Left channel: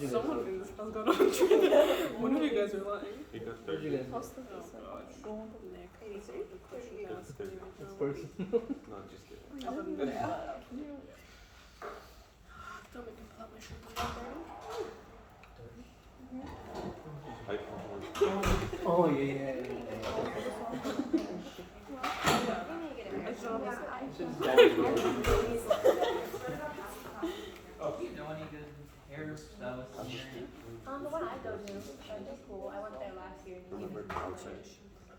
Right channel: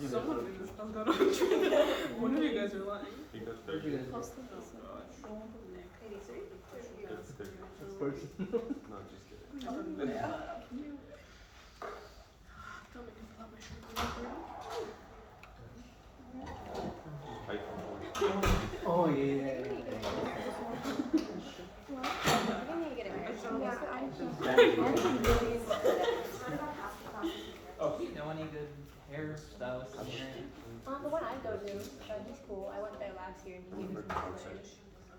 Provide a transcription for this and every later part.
Someone reads. I was going to one of you guys are lying. Cost of this, don't. 83? Person. Oh yeah. Oh, you know any good hairstyles? The one I go to, that's cool. I went there last year.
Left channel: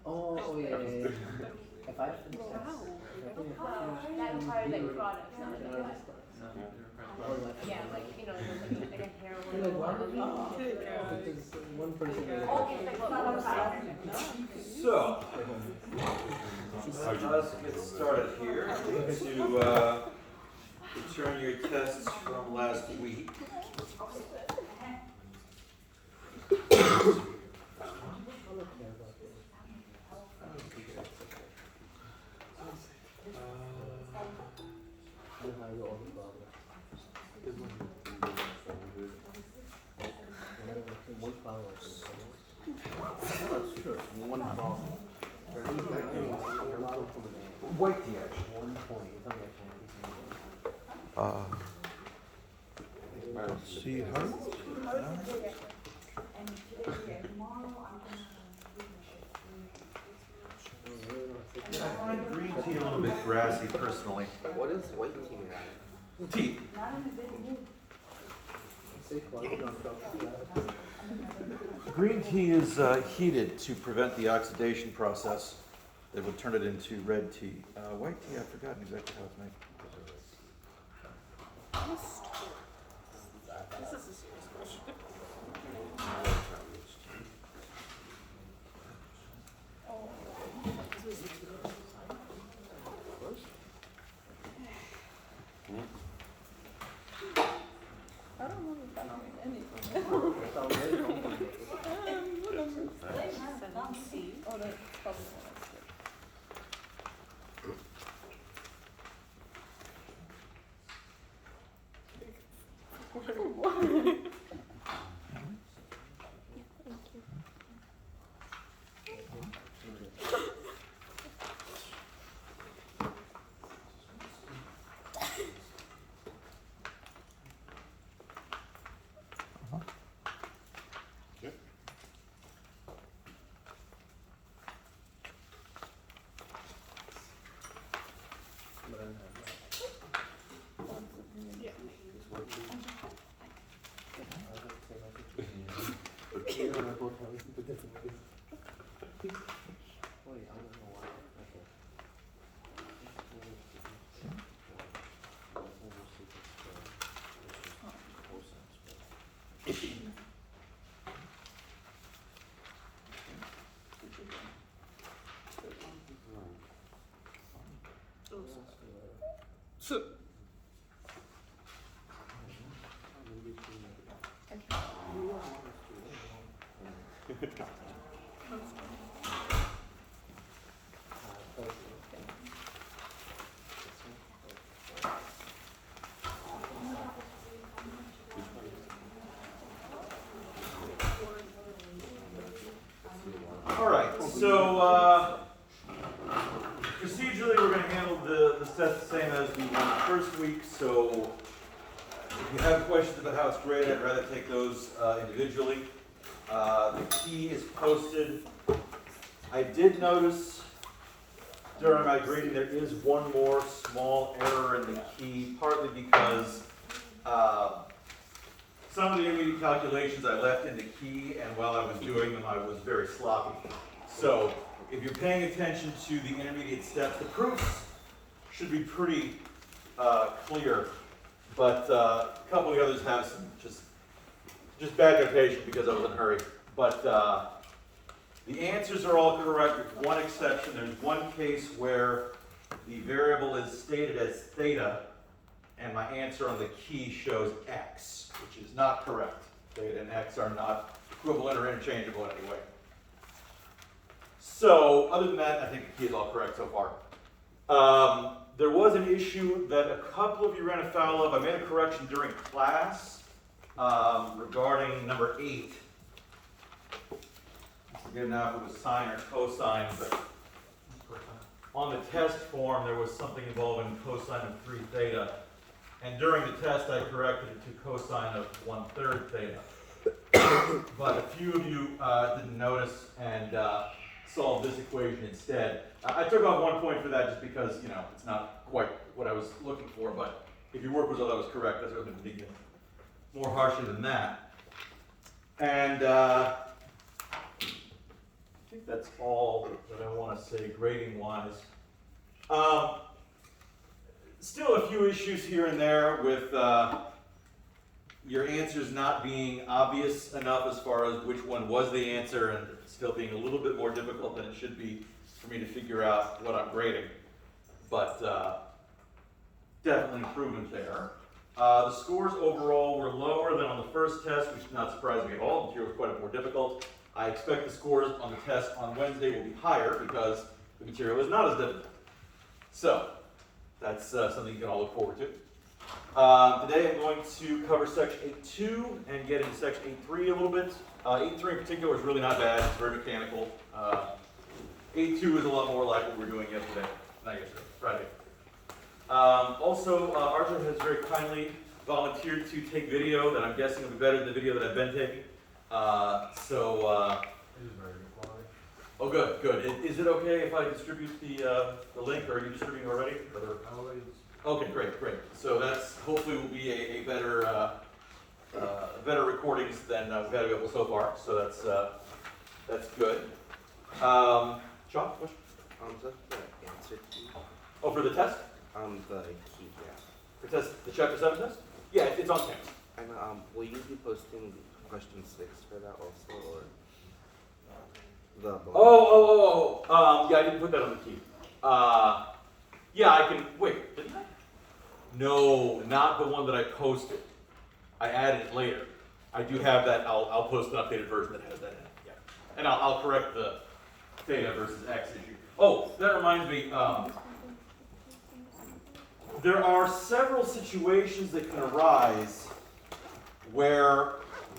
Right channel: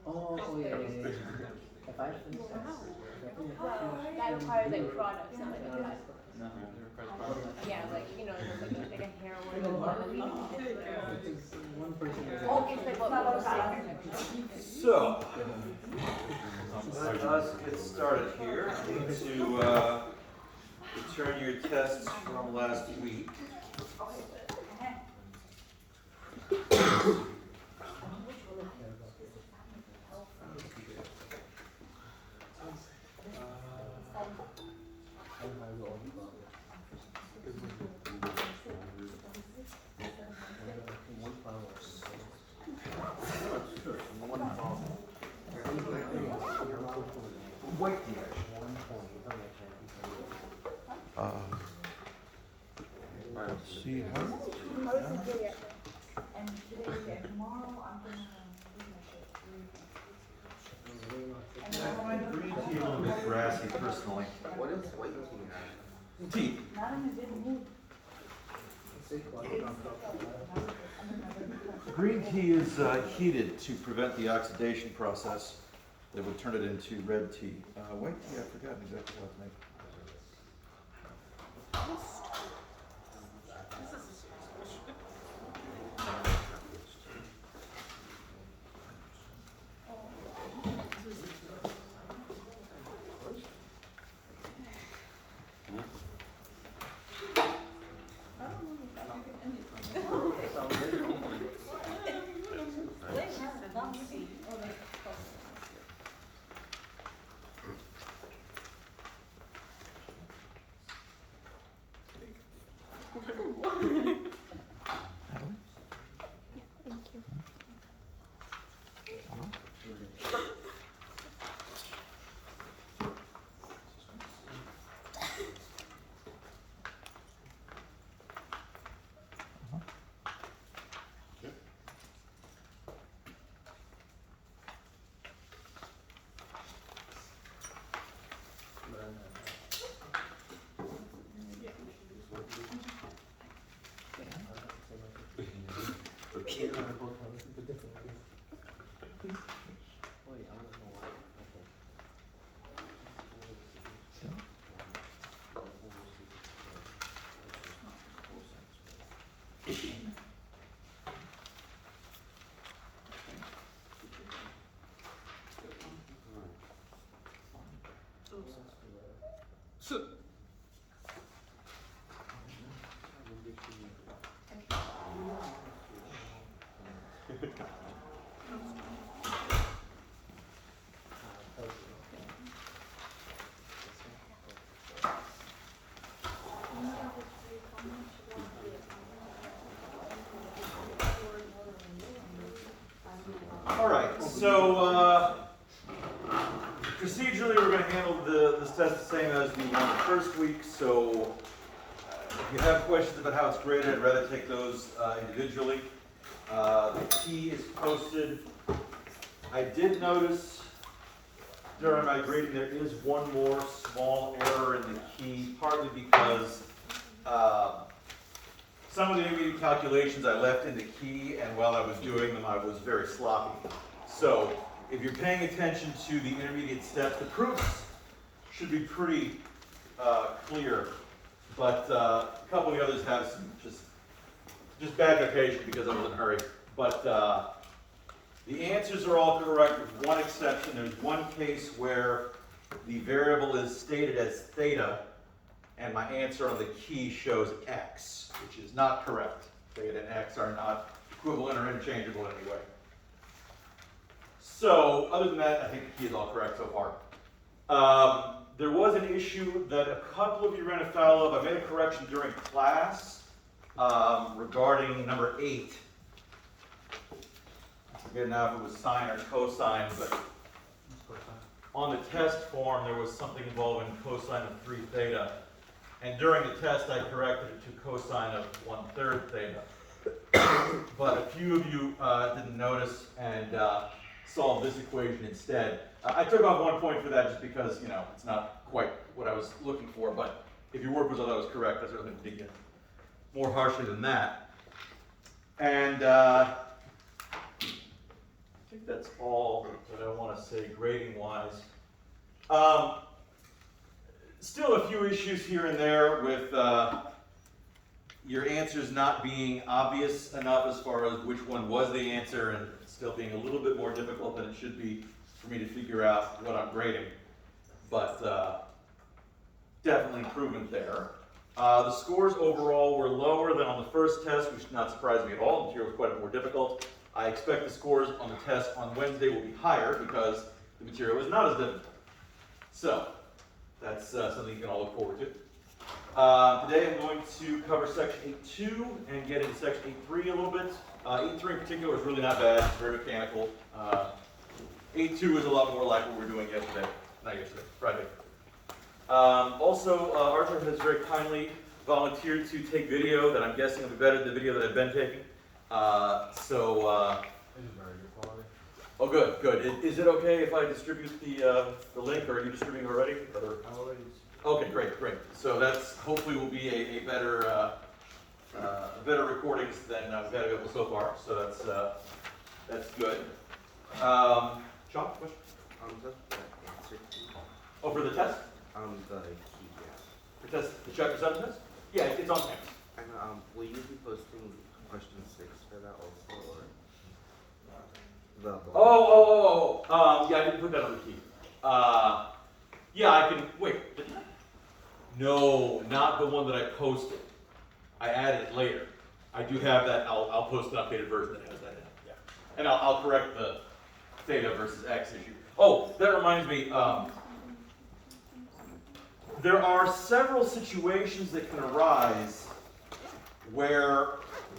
Oh yeah. If I That requires like products. Yeah, like, you know, like hair one person. So, let's get started here. I need to return your tests from last week. See how? I find green tea a little bit grassy personally. What is white tea? Tea. Green tea is heated to prevent the oxidation process that would turn it into red tea. White tea, I've forgotten exactly how it's made. I don't remember backing anything. Oh, that's probably not. So, All right, so procedurally we're going to handle this test the same as the first week, so if you have questions about how it's graded, I'd rather take those individually. The key is posted. I did notice during my grading there is one more small error in the key, partly because some of the intermediate calculations I left in the key, and while I was doing them I was very sloppy. So if you're paying attention to the intermediate steps, the proofs should be pretty clear, but a couple of the others have some just bad notation because I was in a hurry. But the answers are all correct with one exception. There's one case where the variable is stated as theta, and my answer on the key shows x, which is not correct. Theta and x are not equivalent or interchangeable in any way. So, other than that, I think the key is all correct so far. There was an issue that a couple of you ran afoul of. I made a correction during class, regarding number 8. I forget now if it was sine or cosine, but on the test form there was something involving cosine of 3 theta. And during the test I corrected it to cosine of 1/3 theta. But a few of you didn't notice and solved this equation instead. I took off 1 point for that just because, you know, it's not quite what I was looking for, but if your work was all that was correct, that's really dig in more harshly than that. And I think that's all that I want to say grading-wise. Still a few issues here and there with your answers not being obvious enough as far as which one was the answer, and still being a little bit more difficult than it should be for me to figure out what I'm grading. But definitely improvement there. The scores overall were lower than on the first test, which did not surprise me at all. The material was quite a bit more difficult. I expect the scores on the test on Wednesday will be higher because the material is not as difficult. So that's something you can all look forward to. Today I'm going to cover section 8.2 and get into section 8.3 a little bit. 8.3 in particular is really not bad, it's very mechanical. 8.2 is a lot more like what we were doing Friday. Also, Arthur has very kindly volunteered to take video that I'm guessing will be better than the video that I've been taking. Oh, good, good. Is it okay if I distribute the link, or are you distributing already? Okay, great, great. So that's hopefully will be a better better recordings than we've had available so far. So that's good. Sean, question? Oh, for the test? The key, yes. The test, the chapter 7 test? Yeah, it's on campus. And will you be posting question 6 for that also, or Yeah, I didn't put that on the key. Yeah, I can, wait, didn't I? No, not the one that I posted. I added it later. I do have that, I'll post an updated version that has that in it, yeah. And I'll correct the theta versus x issue. Oh, that reminds me, there are several situations that can arise where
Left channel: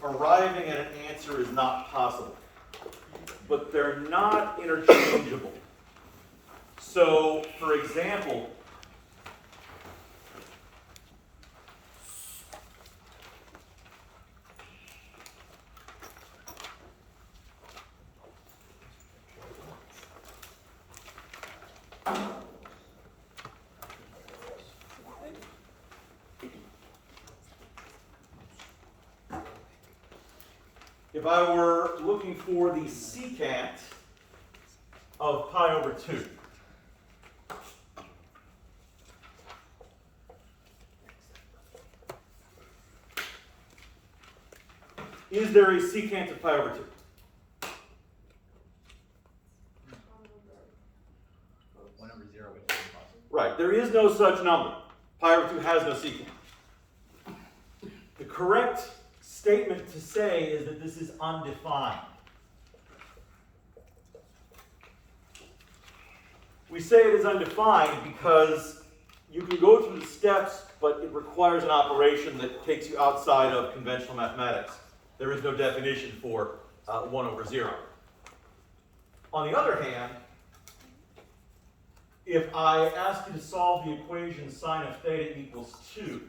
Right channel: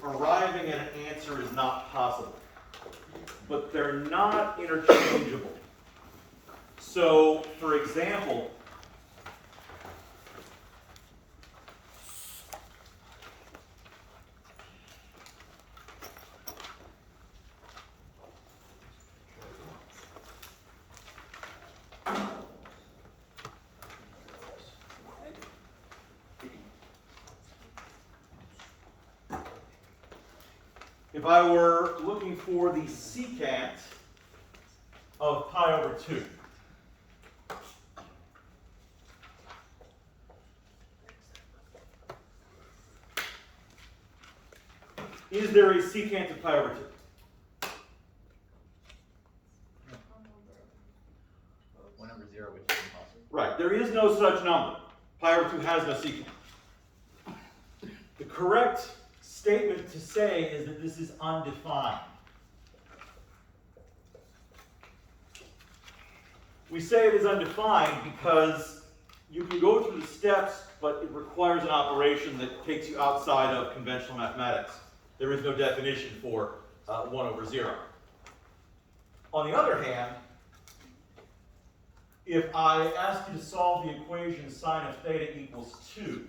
arriving at an answer is not possible, but they're not interchangeable. So, for example, if I were looking for the secant of pi over 2, is there a secant of pi over 2? One over 0, which is impossible. Right, there is no such number. Pi over 2 has no secant. The correct statement to say is that this is undefined. We say it is undefined because you can go through the steps, but it requires an operation that takes you outside of conventional mathematics. There is no definition for 1 over 0. On the other hand, if I ask you to solve the equation sine of theta equals 2,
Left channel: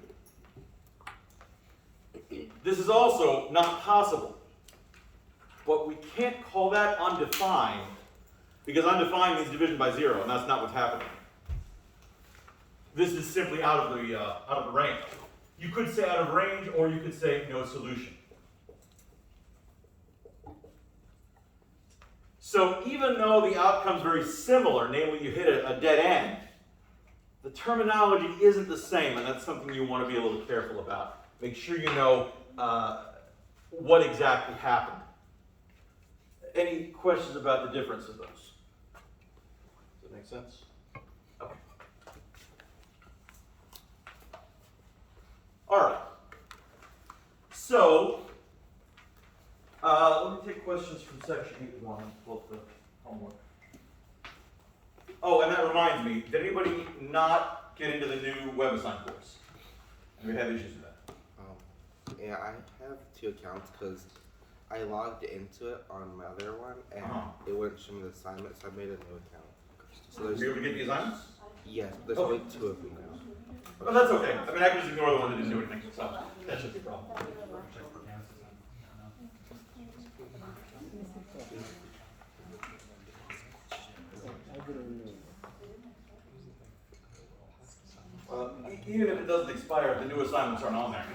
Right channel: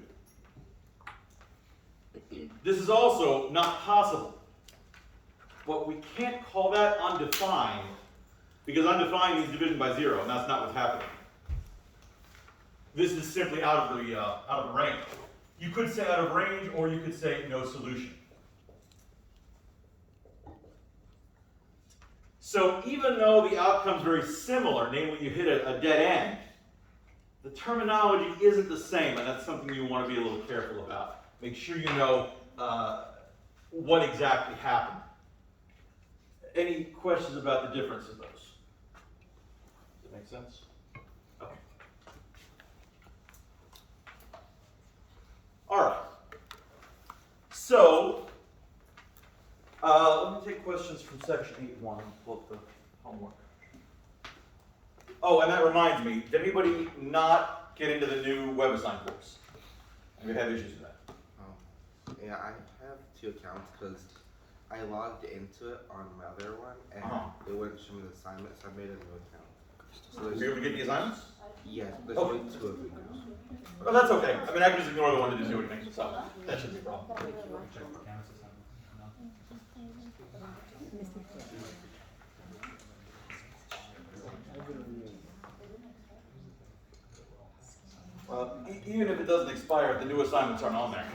this is also not possible. But we can't call that undefined, because undefined means division by 0, and that's not what's happening. This is simply out of the range. You could say out of range, or you could say no solution. So even though the outcome's very similar, namely you hit a dead end, the terminology isn't the same, and that's something you want to be a little careful about. Make sure you know what exactly happened. Any questions about the difference of those? Does that make sense? Okay. All right. So, let me take questions from section 8.1, pull up the homework. Oh, and that reminds me, did anybody not get into the new web assign course? Anybody have issues with that? Yeah, I two accounts because I logged into it on my other one and Uh-huh. it wouldn't show me the assignment, so I made a new account. So Were you able to get the assignments? yes, there's Okay. only two of them now. Oh, that's okay. I mean, I can just ignore the one that didn't do anything, so that shouldn't be a problem. Even if it doesn't expire, the new assignments aren't on there.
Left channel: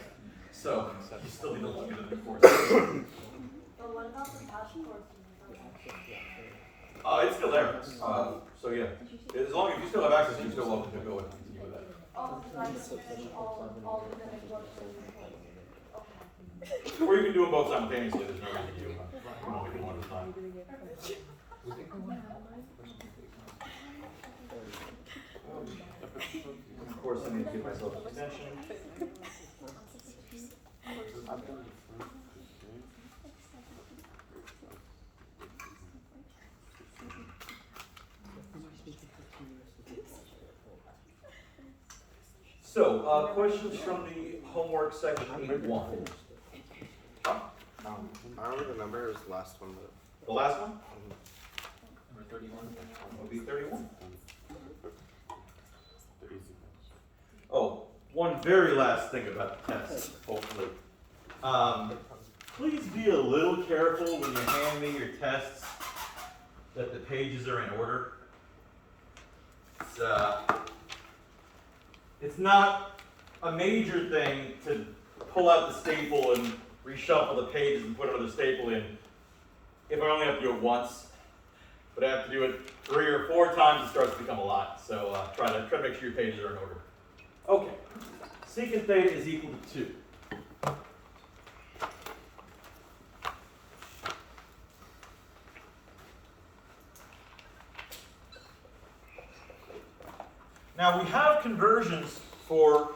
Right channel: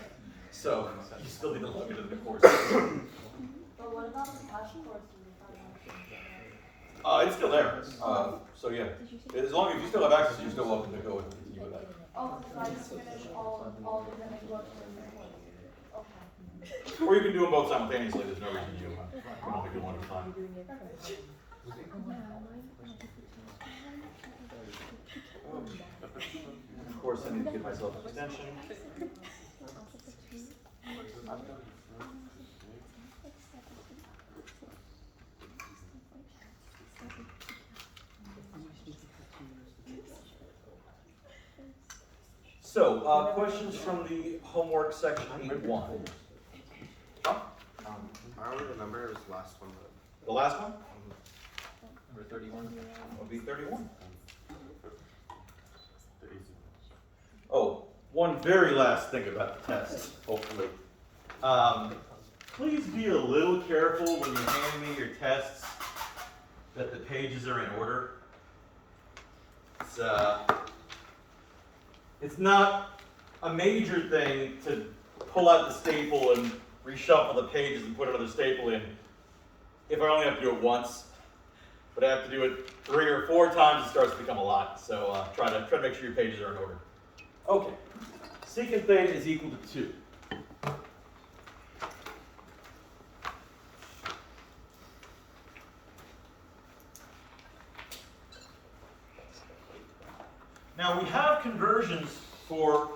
So you still need to look into the course. But what about the past courses? It's still there. So yeah, as long as you still have access, you're still welcome to go and continue with that. Oh, because I just finished all the minutes left for okay. Or you can do them both simultaneously. There's no reason you can only do one at a time. Of course, I need to give myself an extension. So, questions from the homework section 8.1. I don't remember, it was the last one. The last one? Number 31? Will be 31. Oh, one very last thing about the tests, hopefully. Please be a little careful when you hand me your tests that the pages are in order. It's not a major thing to pull out the staple and reshuffle the pages and put another staple in if I only have to do it once. But I have to do it 3 or 4 times, it starts to become a lot. So try to make sure your pages are in order. Okay, secant theta is equal to 2. Now we have conversions for,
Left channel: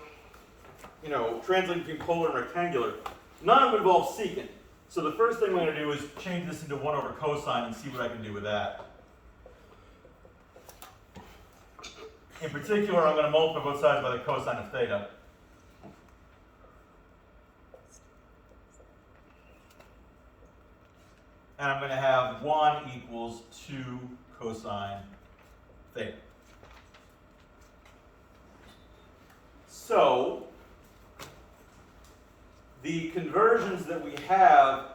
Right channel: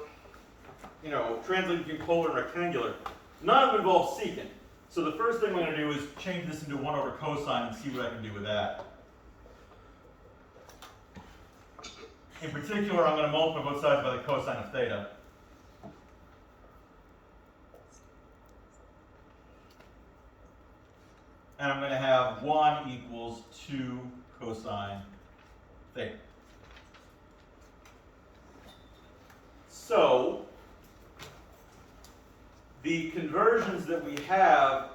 translating between polar and rectangular. None of them involve secant. So the first thing I'm going to do is change this into 1 over cosine and see what I can do with that. In particular, I'm going to multiply both sides by the cosine of theta. And I'm going to have 1 equals 2 cosine theta. So, the conversions that we have,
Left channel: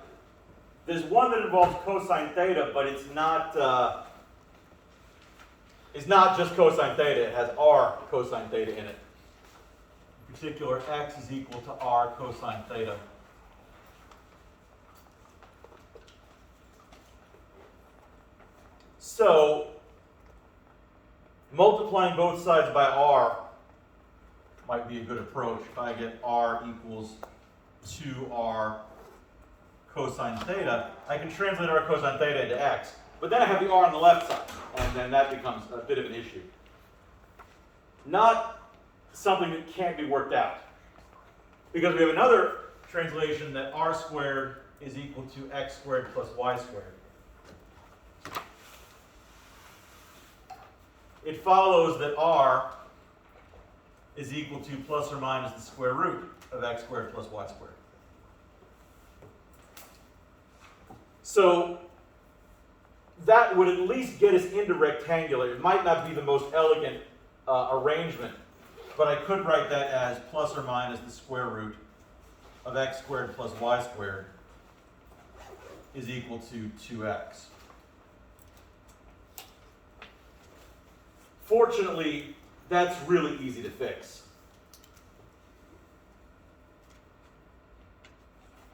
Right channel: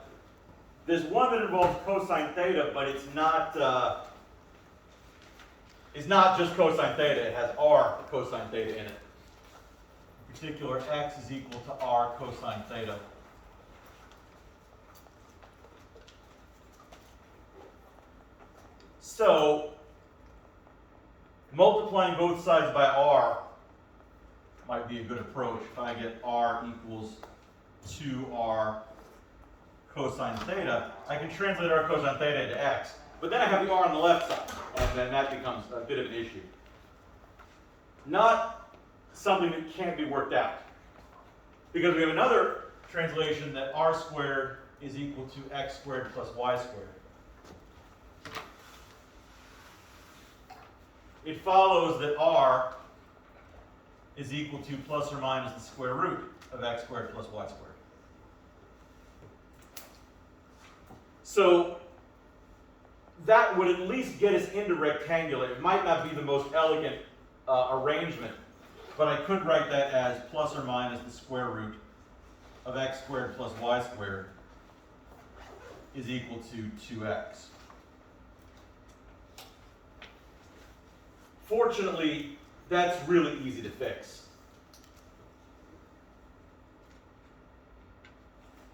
there's one that involves cosine theta, but it's not just cosine theta, it has r cosine theta in it. In particular, x is equal to r cosine theta. So, multiplying both sides by r might be a good approach. If I get r equals 2r cosine theta, I can translate r cosine theta into x. But then I have the r on the left side, and then that becomes a bit of an issue. Not something that can't be worked out. Because we have another translation that r squared is equal to x squared plus y squared. It follows that r is equal to plus or minus the square root of x squared plus y squared. So that would at least get us into rectangular. It might not be the most elegant arrangement, but I could write that as plus or minus the square root of x squared plus y squared is equal to 2x. Fortunately, that's really easy to fix.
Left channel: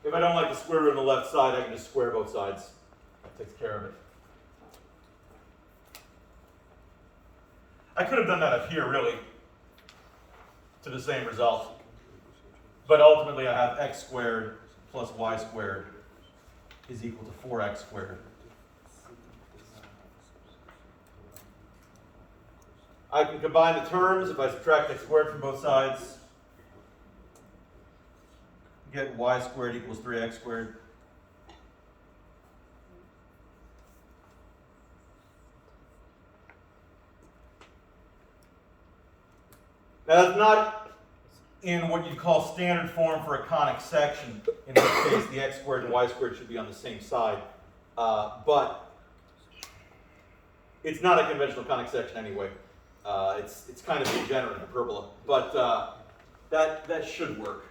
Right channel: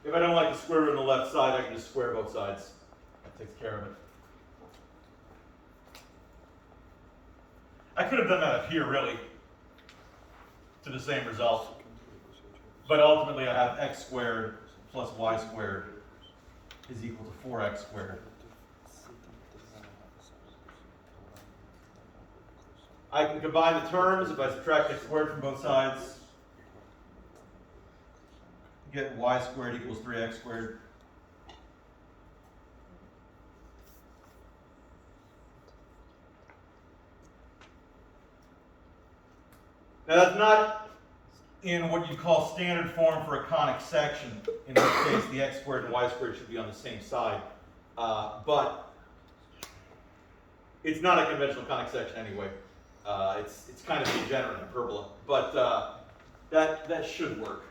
If I don't like the square root on the left side, I can just square both sides. That takes care of it. I could have done that up here, really, to the same result. But ultimately, I have x squared plus y squared is equal to 4x squared. I can combine the terms if I subtract x squared from both sides. Get y squared equals 3x squared. Now that's not in what you call standard form for a conic section, in which case the x squared and y squared should be on the same side. But it's not a conventional conic section anyway. It's kind of degenerate hyperbola, but that should work,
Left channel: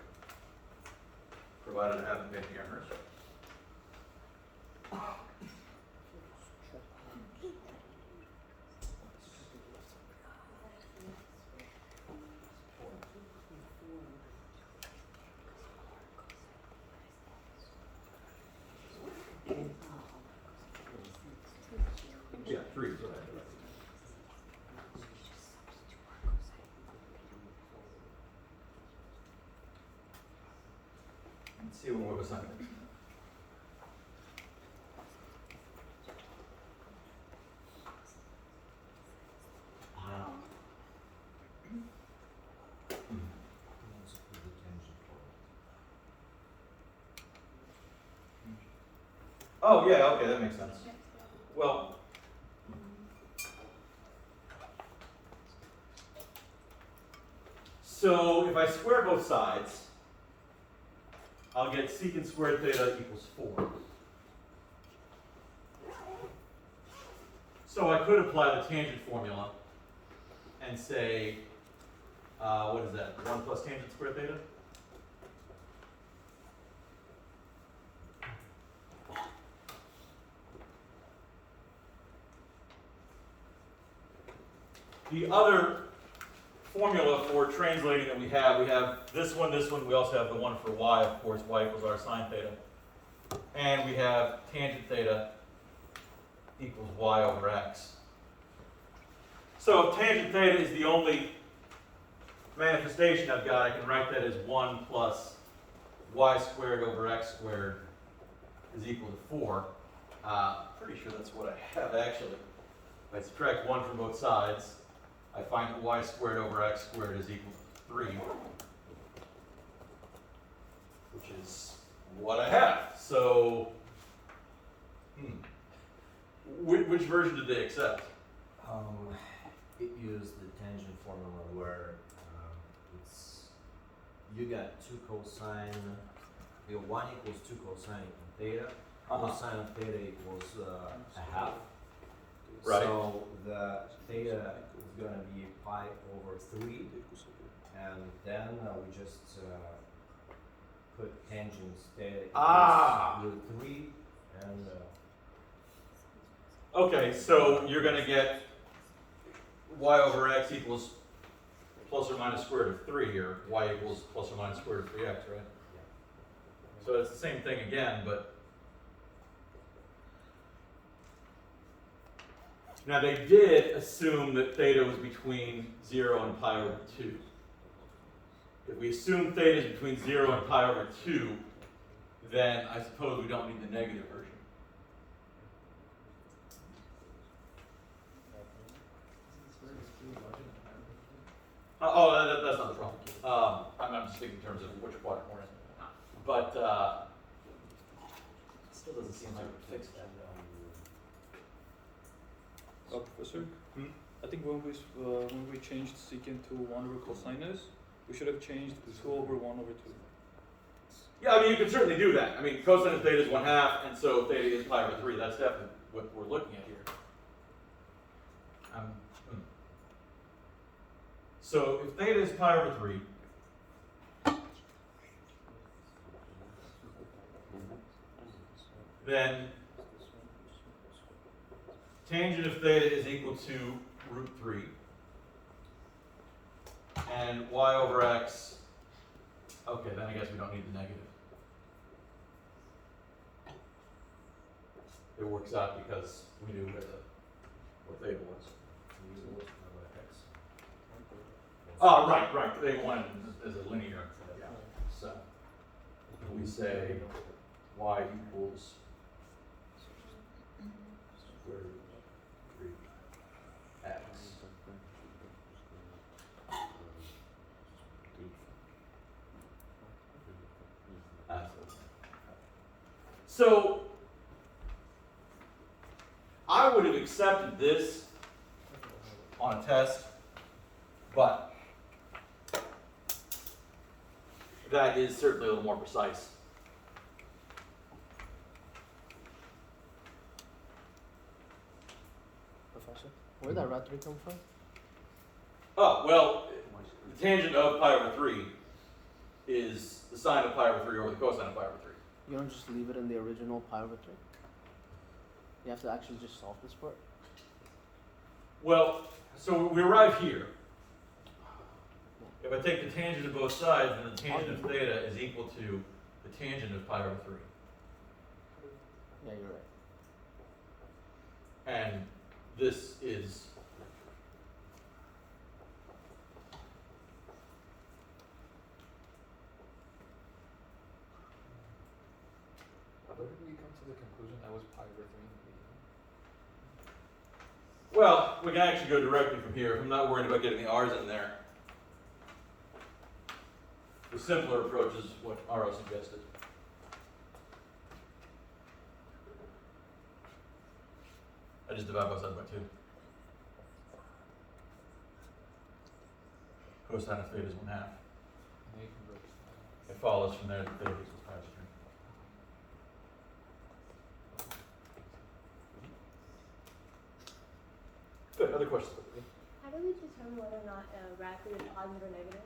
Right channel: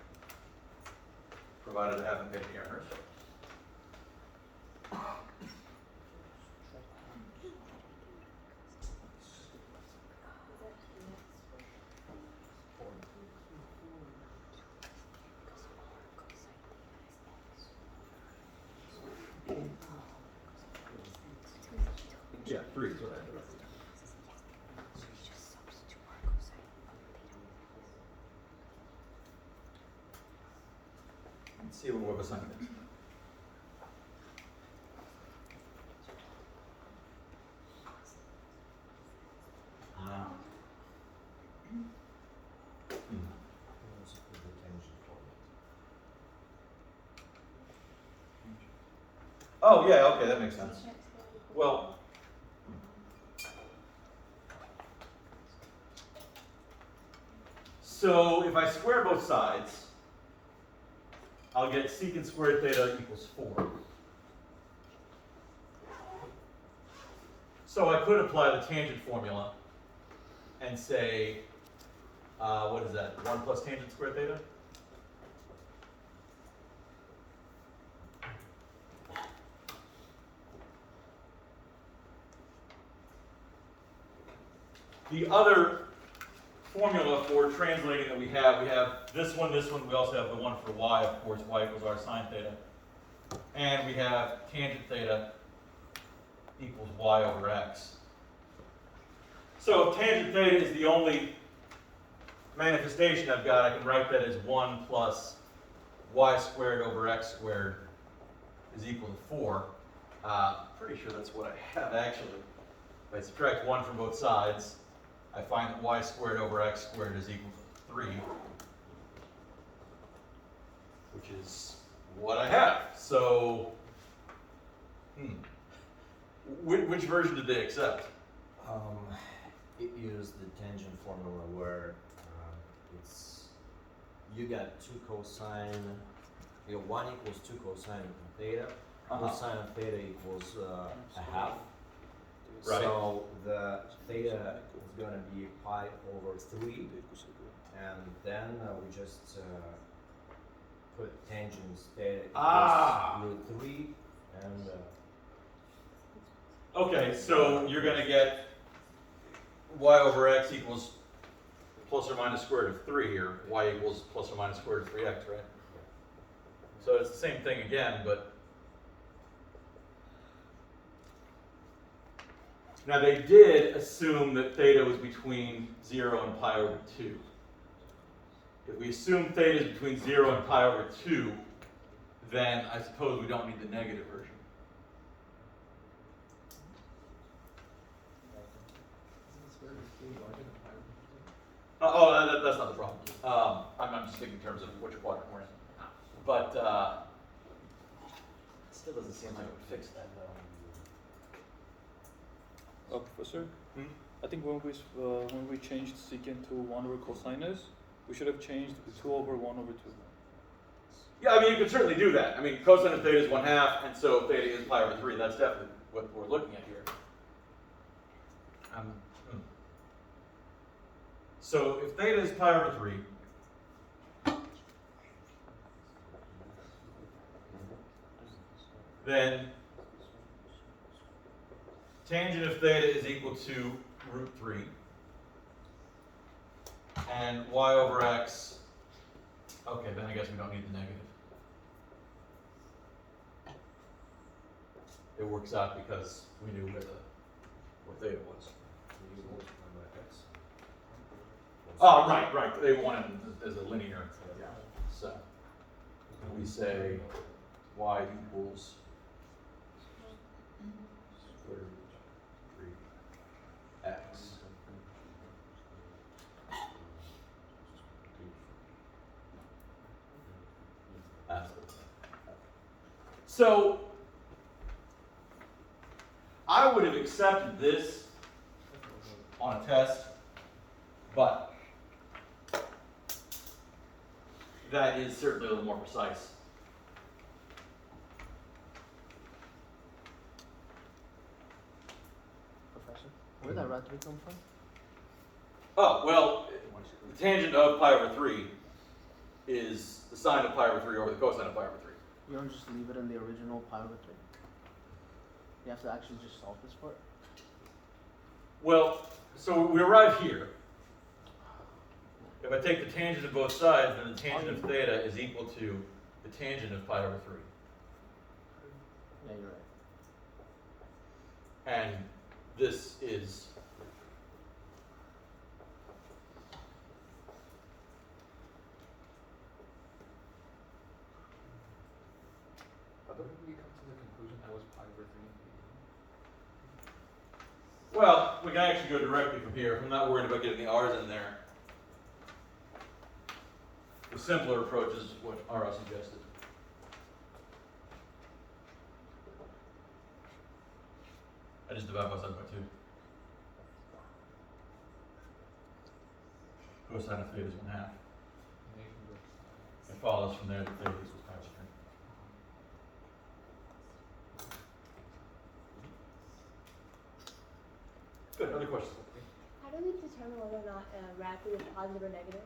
provided I haven't made the errors. Yeah, 3. Let's see what was on it. Oh yeah, okay, that makes sense. Well, so if I square both sides, I'll get secant squared theta equals 4. So I could apply the tangent formula and say, what is that, 1 plus tangent squared theta? The other formula for translating that we have this one, we also have the one for y, of course, y equals r sine theta. And we have tangent theta equals y over x. So if tangent theta is the only manifestation I've got, I can write that as 1 plus y squared over x squared is equal to 4. Pretty sure that's what I have actually. If I subtract 1 from both sides, I find that y squared over x squared is equal to 3, which is what I have. So, which version did they accept? It used the tangent formula where it's, you got 2 cosine, your 1 equals 2 cosine theta, cosine of theta equals a half. Right. So the theta is going to be pi over 3, and then we just put tangents theta equals root 3, and Okay, so you're going to get y over x equals plus or minus square root of 3 here. Y equals plus or minus square root of 3x, right? So it's the same thing again, but now they did assume that theta was between 0 and pi over 2. If we assume theta is between 0 and pi over 2, then I suppose we don't need the negative version. That's not the problem. I'm just thinking in terms of which quadrant we're in. But it still doesn't seem like it would fix that though. Professor, I think when we changed secant to 1 over cosinus, we should have changed 2 over 1 over 2. Yeah, I mean, you could certainly do that. I mean, cosine of theta is 1/2, and so theta is pi over 3. That's definitely what we're looking at here. So if theta is pi over 3, then tangent of theta is equal to root 3, and y over x, okay, then I guess we don't need the negative. It works out because we knew what theta was. Oh, right. They wanted it as a linear. Yeah. So we say y equals square root 3x. So I would have accepted this on a test, but that is certainly a little more precise. Professor, where that rat 3 come from? Oh, well, the tangent of pi over 3 is the sine of pi over 3 over the cosine of pi over 3. You don't just leave it in the original pi over 3? You have to actually just solve this part? Well, so we arrive here. If I take the tangent of both sides, then the tangent of theta is equal to the tangent of pi over 3. Yeah, you're right. And this is How did we come to the conclusion that was pi over 3? well, we can actually go directly from here. I'm not worried about getting the r's in there. The simpler approach is what Aro suggested. I just divide both sides by 2. Cosine of theta is 1/2. It follows from there that theta equals pi over 3. Good. Other questions? How do we determine whether or not a rapid is positive or negative?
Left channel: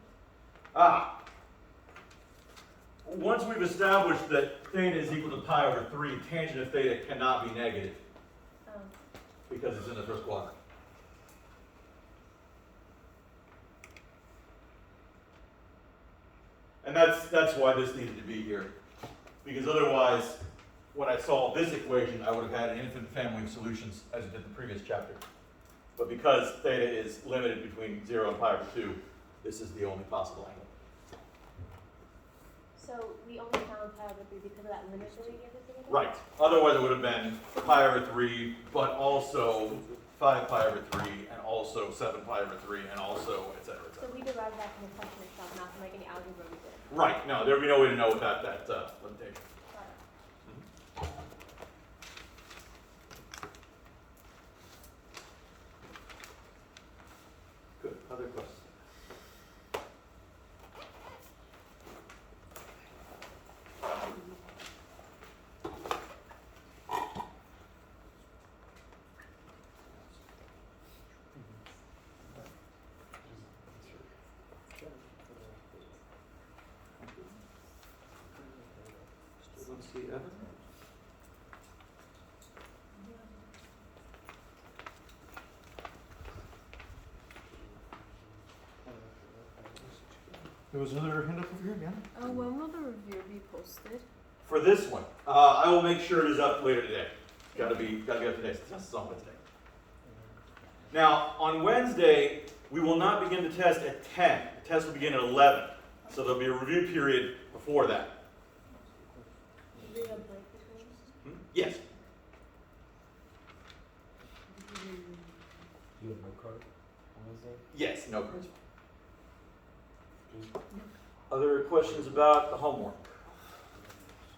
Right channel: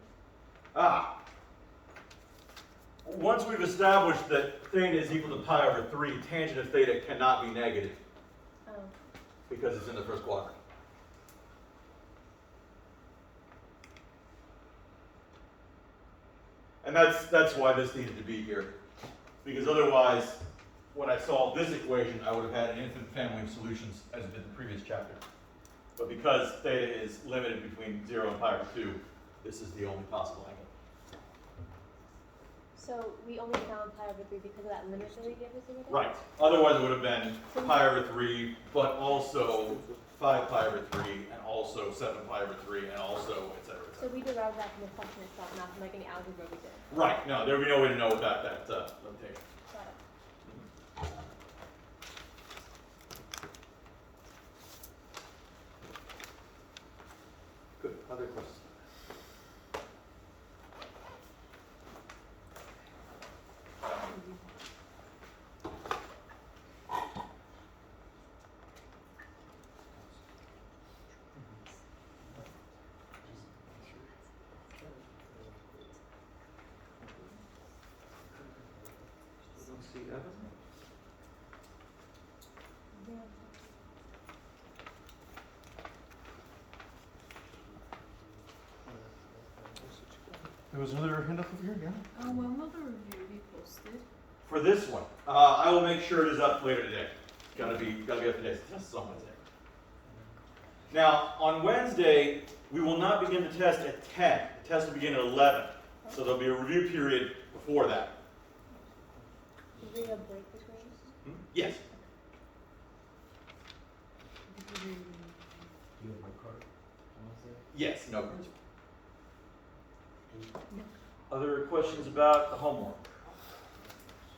Once we've established that theta is equal to pi over 3, tangent of theta cannot be negative Oh. because it's in the first quadrant. And that's why this needed to be here. Because otherwise, when I solved this equation, I would have had an infinite family of solutions as did the previous chapter. But because theta is limited between 0 and pi over 2, this is the only possible angle. So we only found pi over 3 because of that limit that they gave us again? Right. Otherwise, it would have been pi over 3, but also 5 pi over 3, and also 7 pi over 3, and also et cetera, et So cetera. we derived that from the assumption itself, not from like any algebra we did. Right. No, there would be no way to know about that limitation. Got it. Good. Other questions? Let's see, Evan? There was another hand up over here again? When will the review be posted? For this one, I will make sure it is up later today. Gotta be up to date. That's on Wednesday. Now, on Wednesday, we will not begin the test at 10. The test will begin at 11. So there'll be a review period before that. Did we do a break between? Yes. You have no card? Yes, no quiz. Other questions about the homework?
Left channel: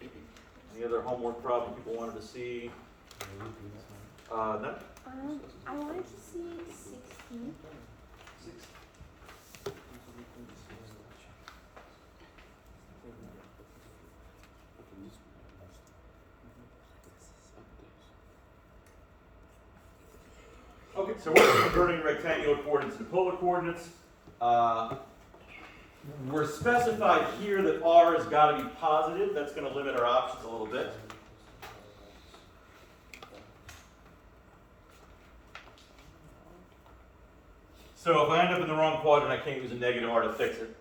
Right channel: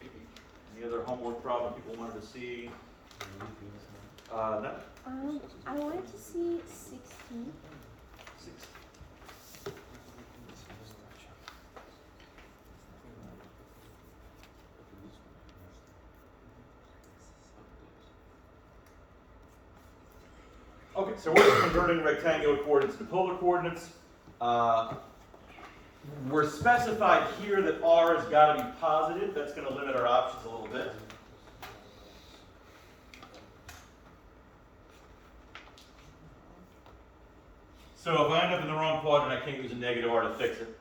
Any other homework problem people wanted to see? No? I wanted to see 16. Okay, so we're converting rectangular coordinates to polar coordinates. We're specified here that r has got to be positive. That's going to limit our options a little bit. So if I end up in the wrong quadrant, I can't use a negative r to fix it.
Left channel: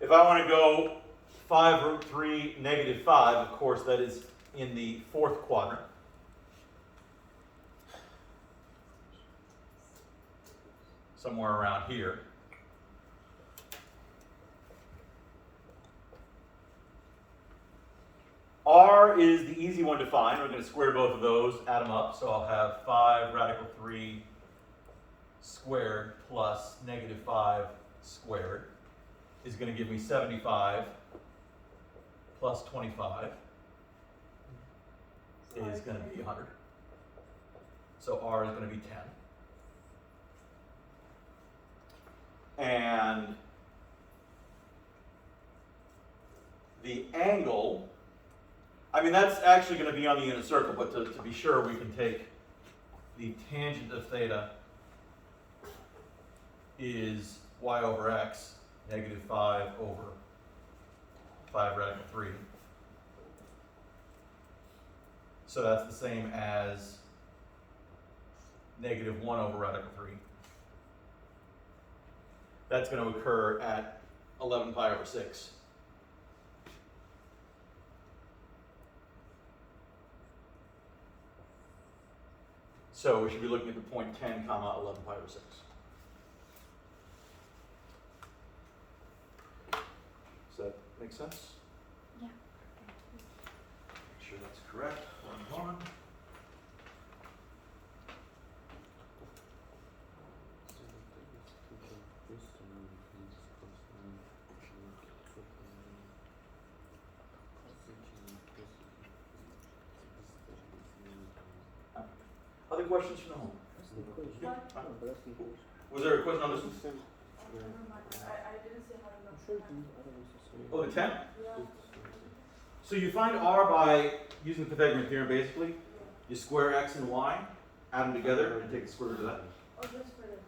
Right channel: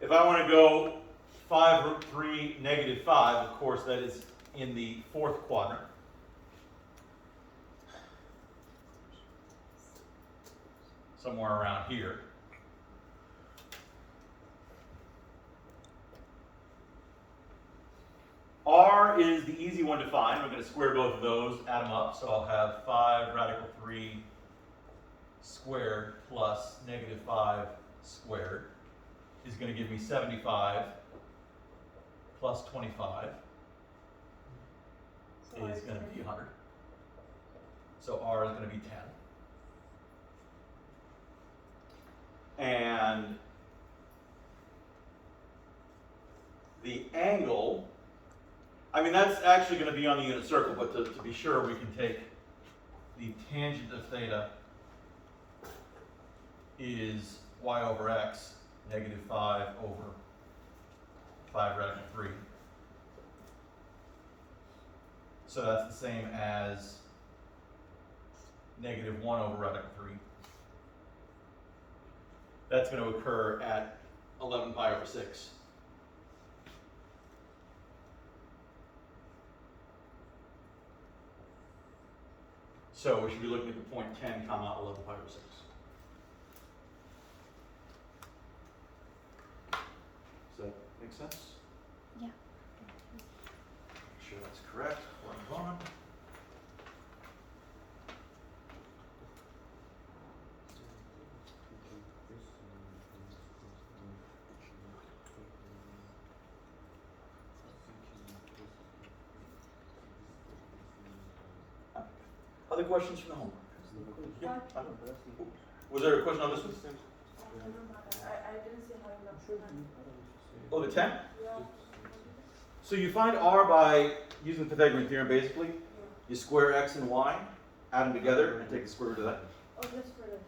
If I want to go 5 root 3, negative 5, of course, that is in the fourth quadrant. Somewhere around here. R is the easy one to find. We're going to square both of those, add them up. So I'll have 5 radical 3 squared plus negative 5 squared is going to give me 75 plus 25 is going to be 100. So R is going to be 10. And I mean, that's actually going to be on the unit circle, but to be sure, we can take the tangent of theta is y over x, negative 5 over 5 radical 3. So that's the same as negative 1 over radical 3. That's going to occur at 11 pi over 6. So we should be looking at the point 10 comma 11 pi over 6. Does that make sense? Yeah. Make sure that's correct. One on. Other questions from home? Yeah. Was there a question on this one? I didn't say how Oh, the 10? So you find r by using the Pythagorean theorem, basically. You square x and y, add them together, and take the square root of that. Oh, that's for just.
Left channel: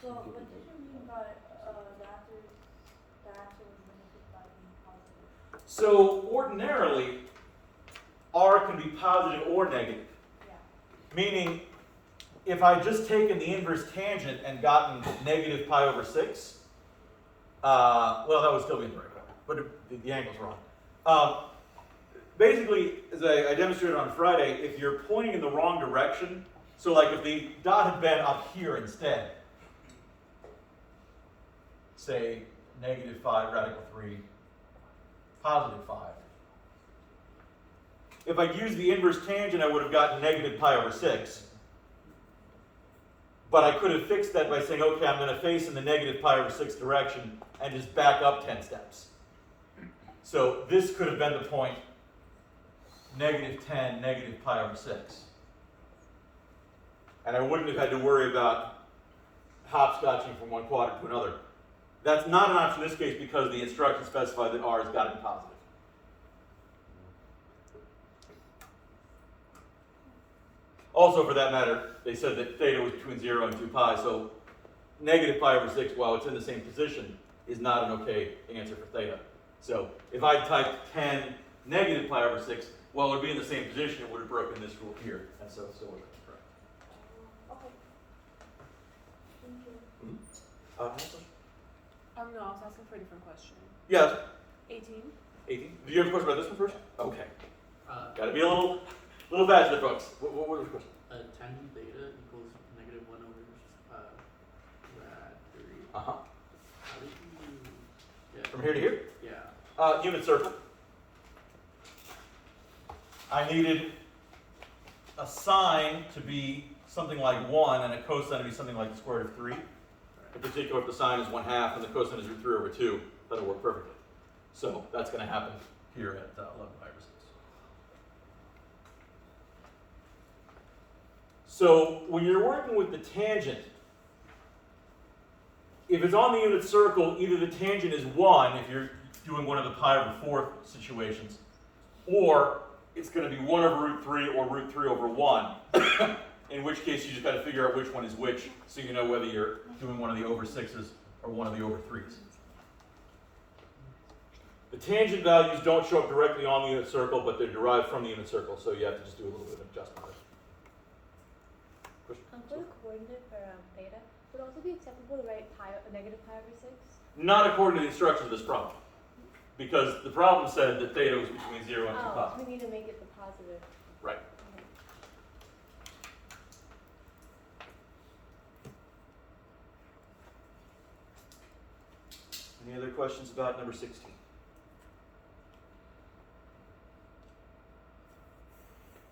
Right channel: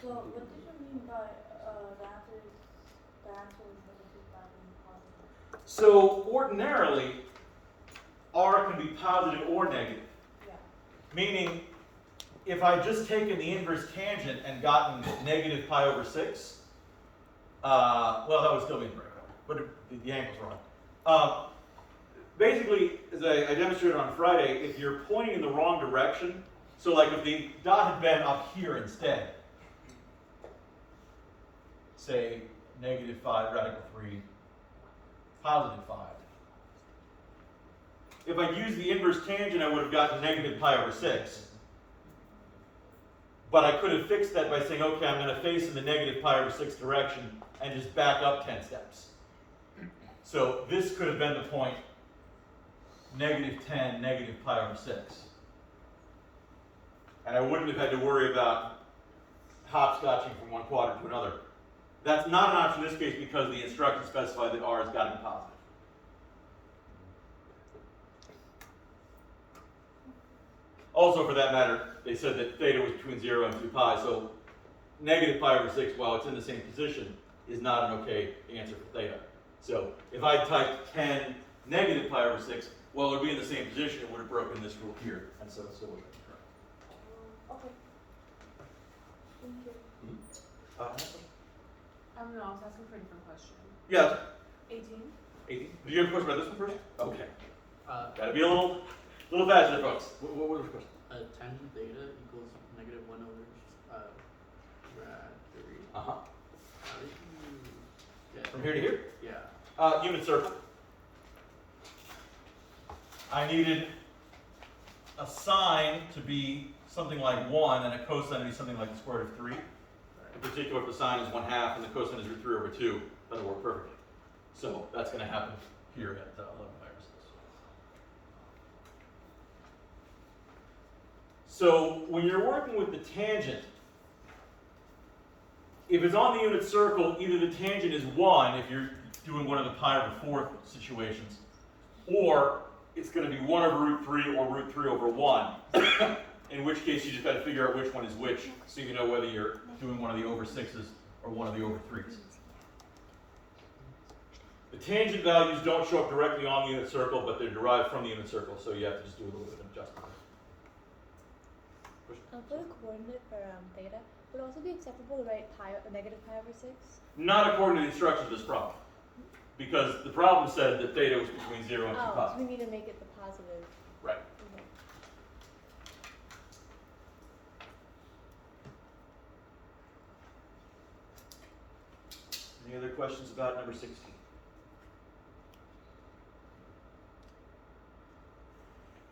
So, what did you mean by that was negative 5 and positive? So ordinarily, r can be positive or negative. Yeah. Meaning, if I just taken the inverse tangent and gotten negative pi over 6, well, that would still be incorrect, but the angle's wrong. Basically, as I demonstrated on Friday, if you're pointing in the wrong direction, so like if the dot had been up here instead, say negative 5 radical 3, positive 5. If I'd used the inverse tangent, I would have gotten negative pi over 6. But I could have fixed that by saying, okay, I'm going to face in the negative pi over 6 direction and just back up 10 steps. So this could have been the point negative 10, negative pi over 6. And I wouldn't have had to worry about hopscotching from one quadrant to another. That's not an option in this case because the instructions specify that r has got to be positive. Also, for that matter, they said that theta was between 0 and 2 pi, so negative pi over 6, while it's in the same position, is not an okay answer for theta. So if I typed 10 negative pi over 6, well, it would be in the same position, it would have broken this rule here, and so it still wasn't correct. Okay. Thank you. No? No, I was asking for a different question. Yeah, 18? 18. Did you have a question about this one first? Okay. Uh, Gotta be a little faster, folks. What was the question? tangent theta equals negative 1 over rad 3. Uh-huh. How did you get From here to here? Yeah. Unit circle. I needed a sine to be something like 1 and a cosine to be something like the square root of 3. In particular, if the sine is 1/2 and the cosine is root 3 over 2, that'll work perfectly. So that's going to happen here at 11 pi over 6. So when you're working with the tangent, if it's on the unit circle, either the tangent is 1 if you're doing one of the pi over 4 situations, or it's going to be 1 over root 3 or root 3 over 1, in which case you just got to figure out which one is which, so you know whether you're doing one of the over 6s or one of the over 3s. The tangent values don't show up directly on the unit circle, but they're derived from the unit circle, so you have to just do a little bit of adjustment. For the coordinate for theta, would it also be acceptable to write negative pi over 6? Not according to the instructions of this problem, because the problem said that theta was between 0 and 2 pi. So we need to make it the positive. Right. Any other questions about number 16?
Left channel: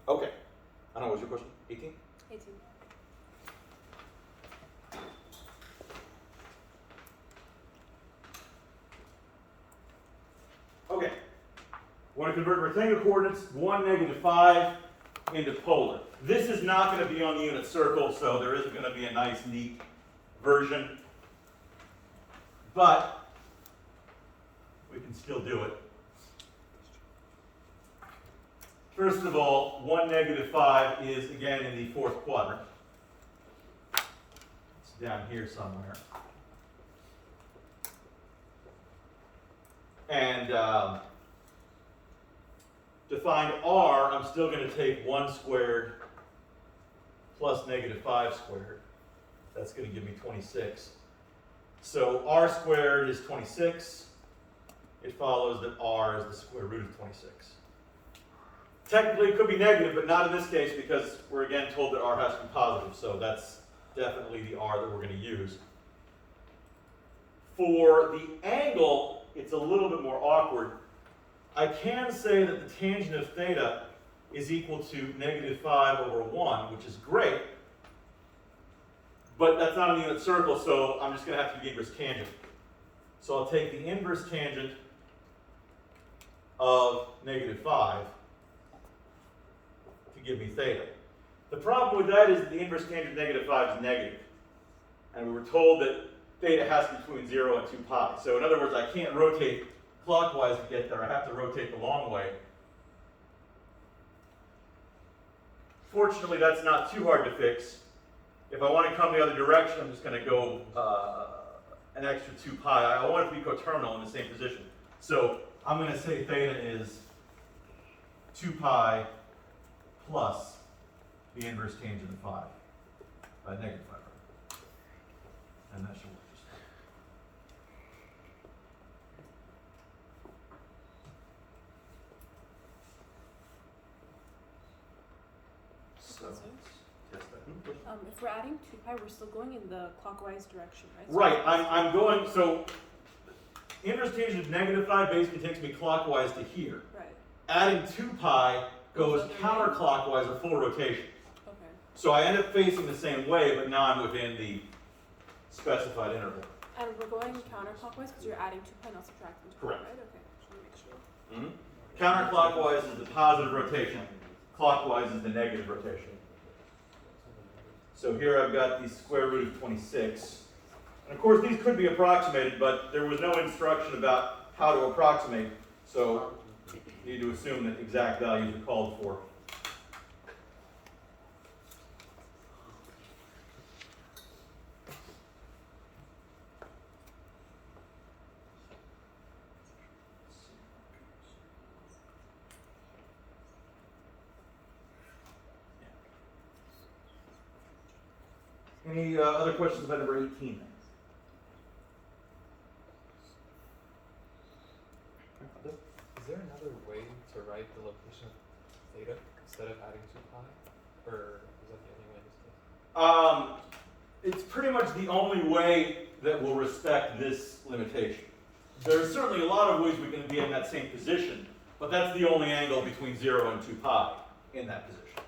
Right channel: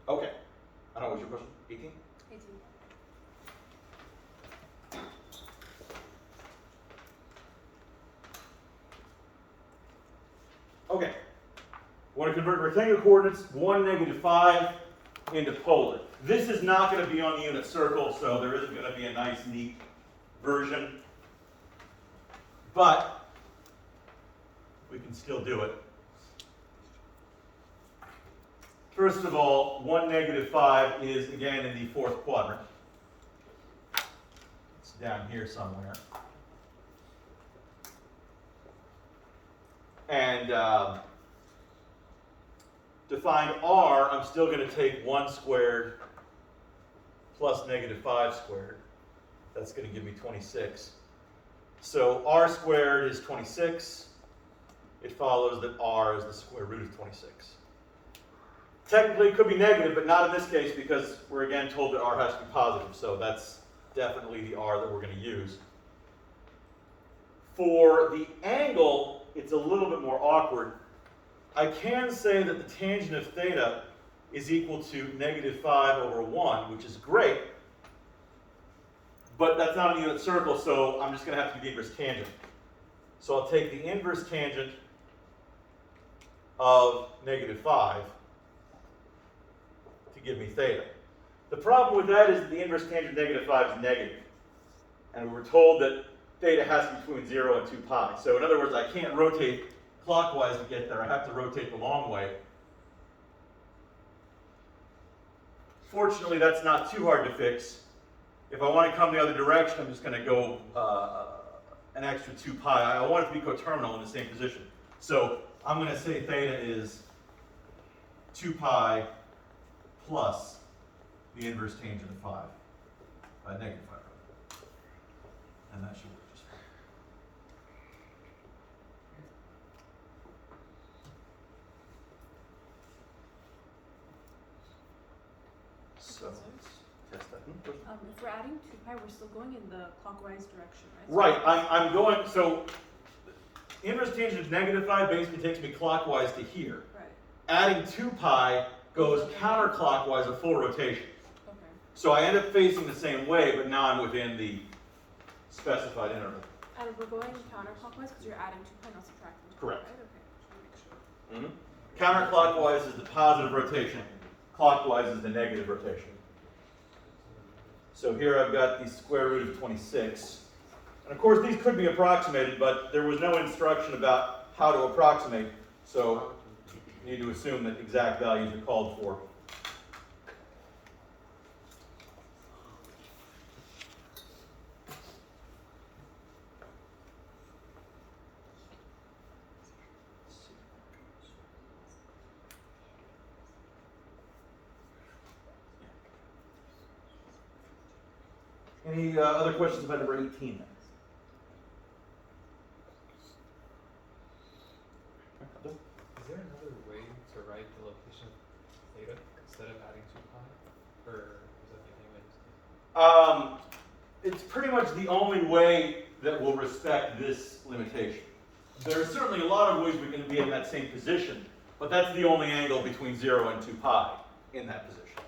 Okay. I don't know, what was your question? 18? 18. Okay. Want to convert rectangular coordinates 1, negative 5 into polar. This is not going to be on the unit circle, so there isn't going to be a nice, neat version. But we can still do it. first of all, 1, -5 is again in the fourth quadrant. It's down here somewhere. And to find r, I'm still going to take 1 squared plus -5 squared. That's going to give me 26. So r squared is 26. It follows that r is the square root of 26. Technically, it could be negative, but not in this case because we're again told that r has to be positive. So that's definitely the r that we're going to use. For the angle, it's a little bit more awkward. I can say that the tangent of theta is equal to -5/1, which is great. But that's not a unit circle, so I'm just going to have to do the inverse tangent. So I'll take the inverse tangent of -5 to give me theta. The problem with that is that the inverse tangent of -5 is negative. And we were told that theta has to be between 0 and 2 pi. So in other words, I can't rotate clockwise to get there. I have to rotate the long way. Fortunately, that's not too hard to fix. If I want to come the other direction, I'm just going to go an extra 2 pi. I want it to be coterminal in the same position. So I'm going to say theta is 2 pi plus the inverse tangent of 5, -5. And that should work just fine. So let's test that. If we're adding 2 pi, we're still going in the clockwise direction, right? Right, I'm going, so inverse tangent of -5 basically takes me clockwise to here. Right. Adding 2 pi goes counterclockwise, a full rotation. Okay. So I end up facing the same way, but now I'm within the specified interval. And we're going counterclockwise because you're adding 2 pi, not subtracting 2 pi, Correct. right? Okay, just wanna make sure. Counterclockwise is the positive rotation, clockwise is the negative rotation. So here I've got the square root of 26. And of course these could be approximated, but there was no instruction about how to approximate, so you need to assume that exact values are called for. Any other questions about number 18? Is there another way to write the location of theta instead of adding 2 pi? Or is that getting into? It's pretty much the only way that will respect this limitation. There are certainly a lot of ways we can be in that same position, but that's the only angle between 0 and 2 pi in that position.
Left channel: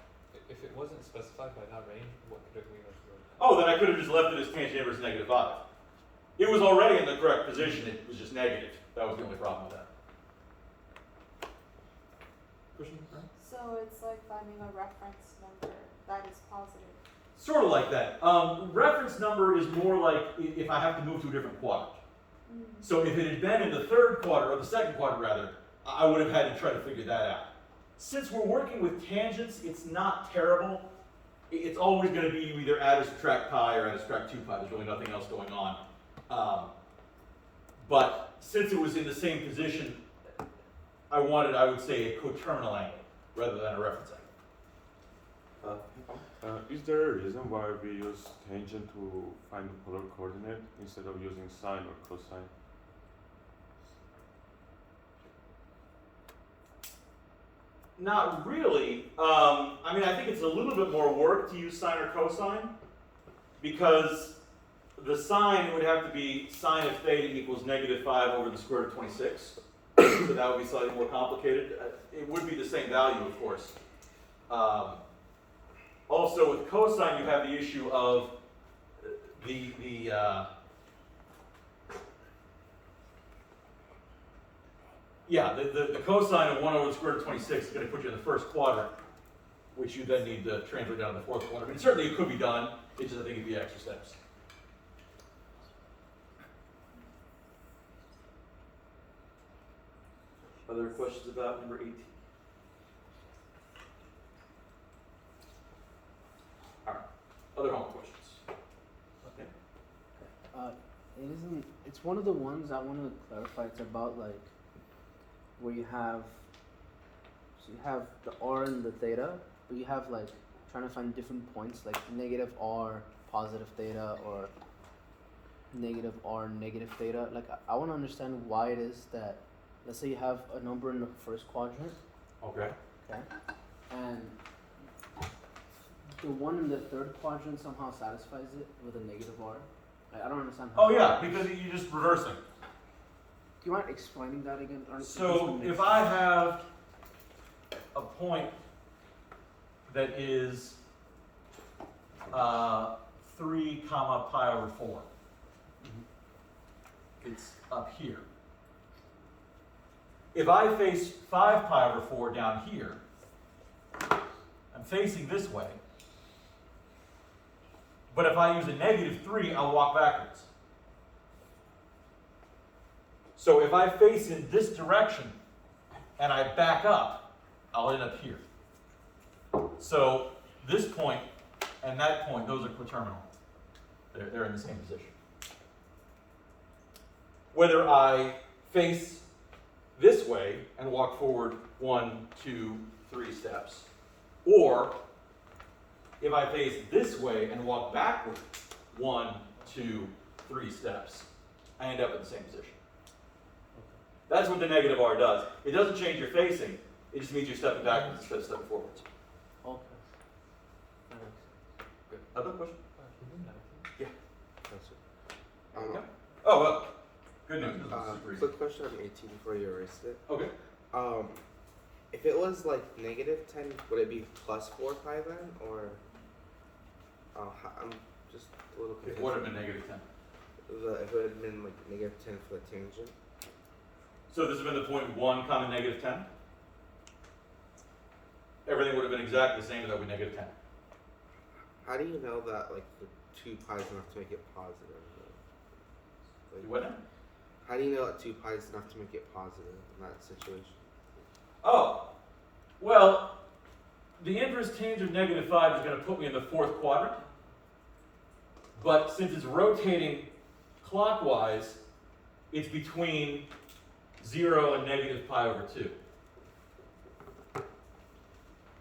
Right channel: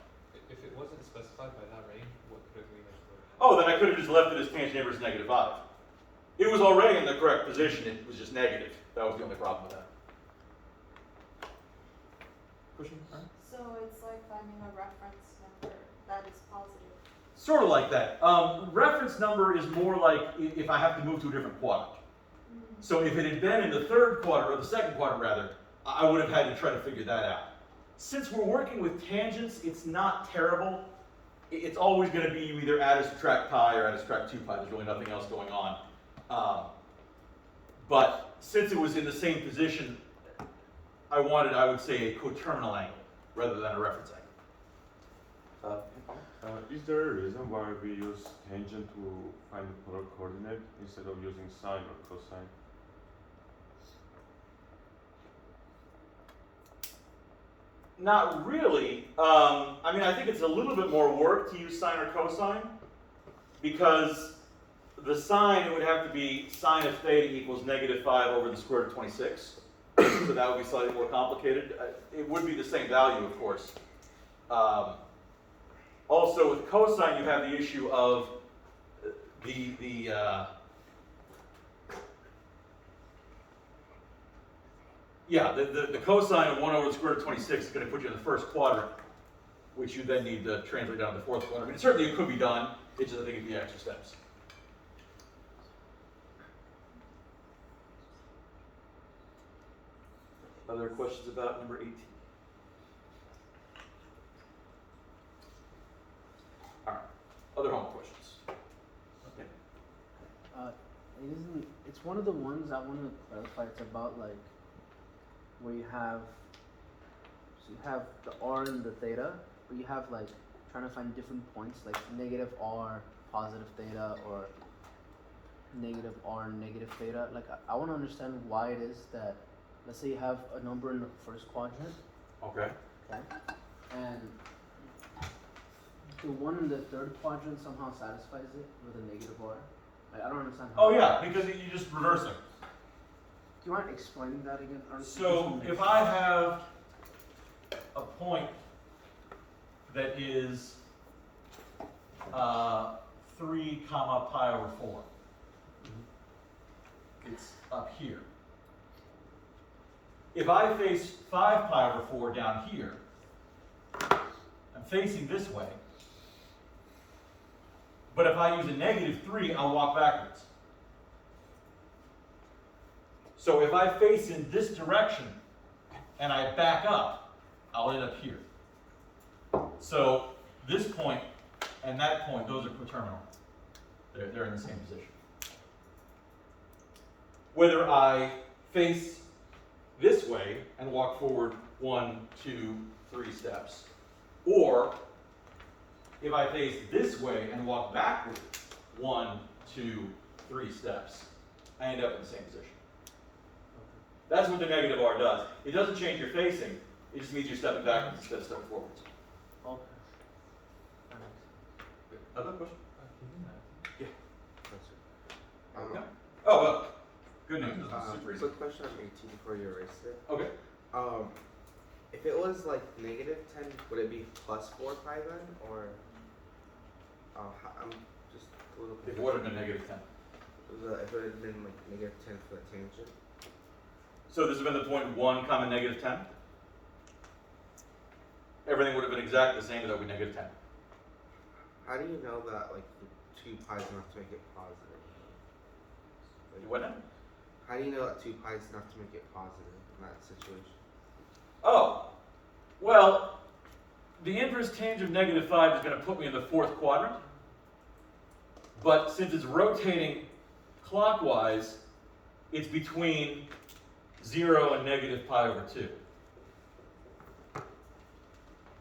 If it wasn't specified by that range, what could we have done? Oh, then I could have just left it as tangent inverse -5. It was already in the correct position, it was just negative. That was the only problem with that. Question? So it's like finding a reference number that is positive. Sort of like that. Reference number is more like if I have to move to a different quadrant. So if it had been in the third quadrant, or the second quadrant rather, I would have had to try to figure that out. Since we're working with tangents, it's not terrible. It's always going to be you either add or subtract pi or add or subtract 2 pi. There's really nothing else going on. But since it was in the same position, I wanted, I would say, a coterminal angle rather than a reference angle. Is there a reason why we use tangent to find the polar coordinate instead of using sine or cosine? Not really. I mean, I think it's a little bit more work to use sine or cosine because the sine would have to be sine of theta equals -5 over the square root of 26. So that would be slightly more complicated. It would be the same value, of course. Also, with cosine, you have the issue of the cosine of 1 over the square root of 26 is going to put you in the first quadrant, which you then need to translate down to the fourth quadrant. I mean, certainly it could be done. It's just, I think, it'd be extra steps. Other questions about number 18? Other homework questions? Okay. It isn't. It's one of the ones I want to clarify. It's about like where you have. So you have the r and the theta, but you have like trying to find different points like negative r, positive theta, or negative r, negative theta. Like I want to understand why it is that, let's say you have a number in the first quadrant, Okay. okay, and the one in the third quadrant somehow satisfies it with a negative r. Like, I don't understand. Oh yeah, because you're just reversing. Do you mind explaining that again? Or So if I have a point that is 3 comma pi over 4, it's up here. If I face 5 pi over 4 down here, I'm facing this way. But if I use a negative 3, I'll walk backwards. So if I face in this direction and I back up, I'll end up here. So this point and that point, those are coterminal. They're in the same position. Whether I face this way and walk forward 1, 2, 3 steps, or if I face this way and walk backwards 1, 2, 3 steps, I end up in the same position. That's what the negative r does. It doesn't change your facing, it just means you're stepping backwards instead of stepping forwards. Okay. Other question? Yeah. Okay. Oh, well, good news. This was super easy. Quick question on 18 before you erased it. Okay. If it was like negative 10, would it be plus 4 pi then, or? I'm just a little It confused. would have been negative 10. If it had been like negative 10 for the tangent. So this has been the point 1 comma negative 10. Everything would have been exactly the same as that would be negative 10. How do you know that like the 2 pi is enough to make it positive? Like, What now? how do you know that 2 pi is enough to make it positive in that situation? Oh, well, the inverse tangent of negative 5 is going to put me in the 4th quadrant. But since it's rotating clockwise, it's between 0 and negative pi over 2.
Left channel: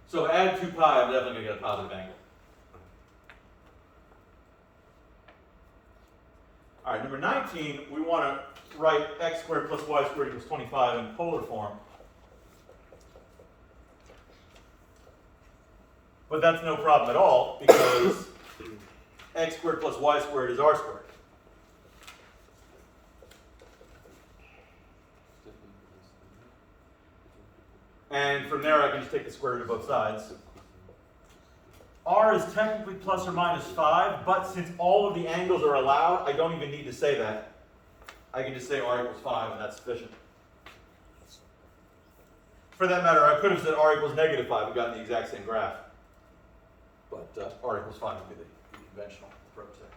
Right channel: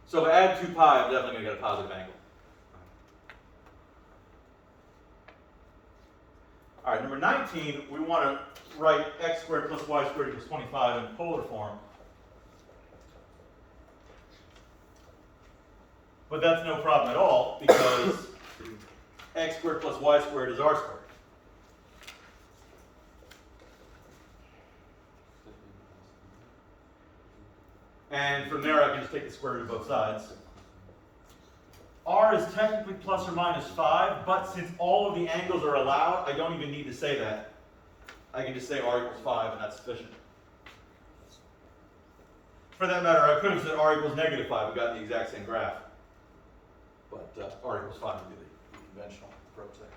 So if I add 2 pi, I'm definitely going to get a positive angle. All right, number 19, we want to write x squared plus y squared equals 25 in polar form. But that's no problem at all, because x squared plus y squared is r squared. And from there, I can just take the square root of both sides. R is technically plus or minus 5, but since all of the angles are allowed, I don't even need to say that. I can just say r equals 5, and that's sufficient. For that matter, I could have said r equals negative 5 and gotten the exact same graph. But r equals 5 would be the conventional approach there.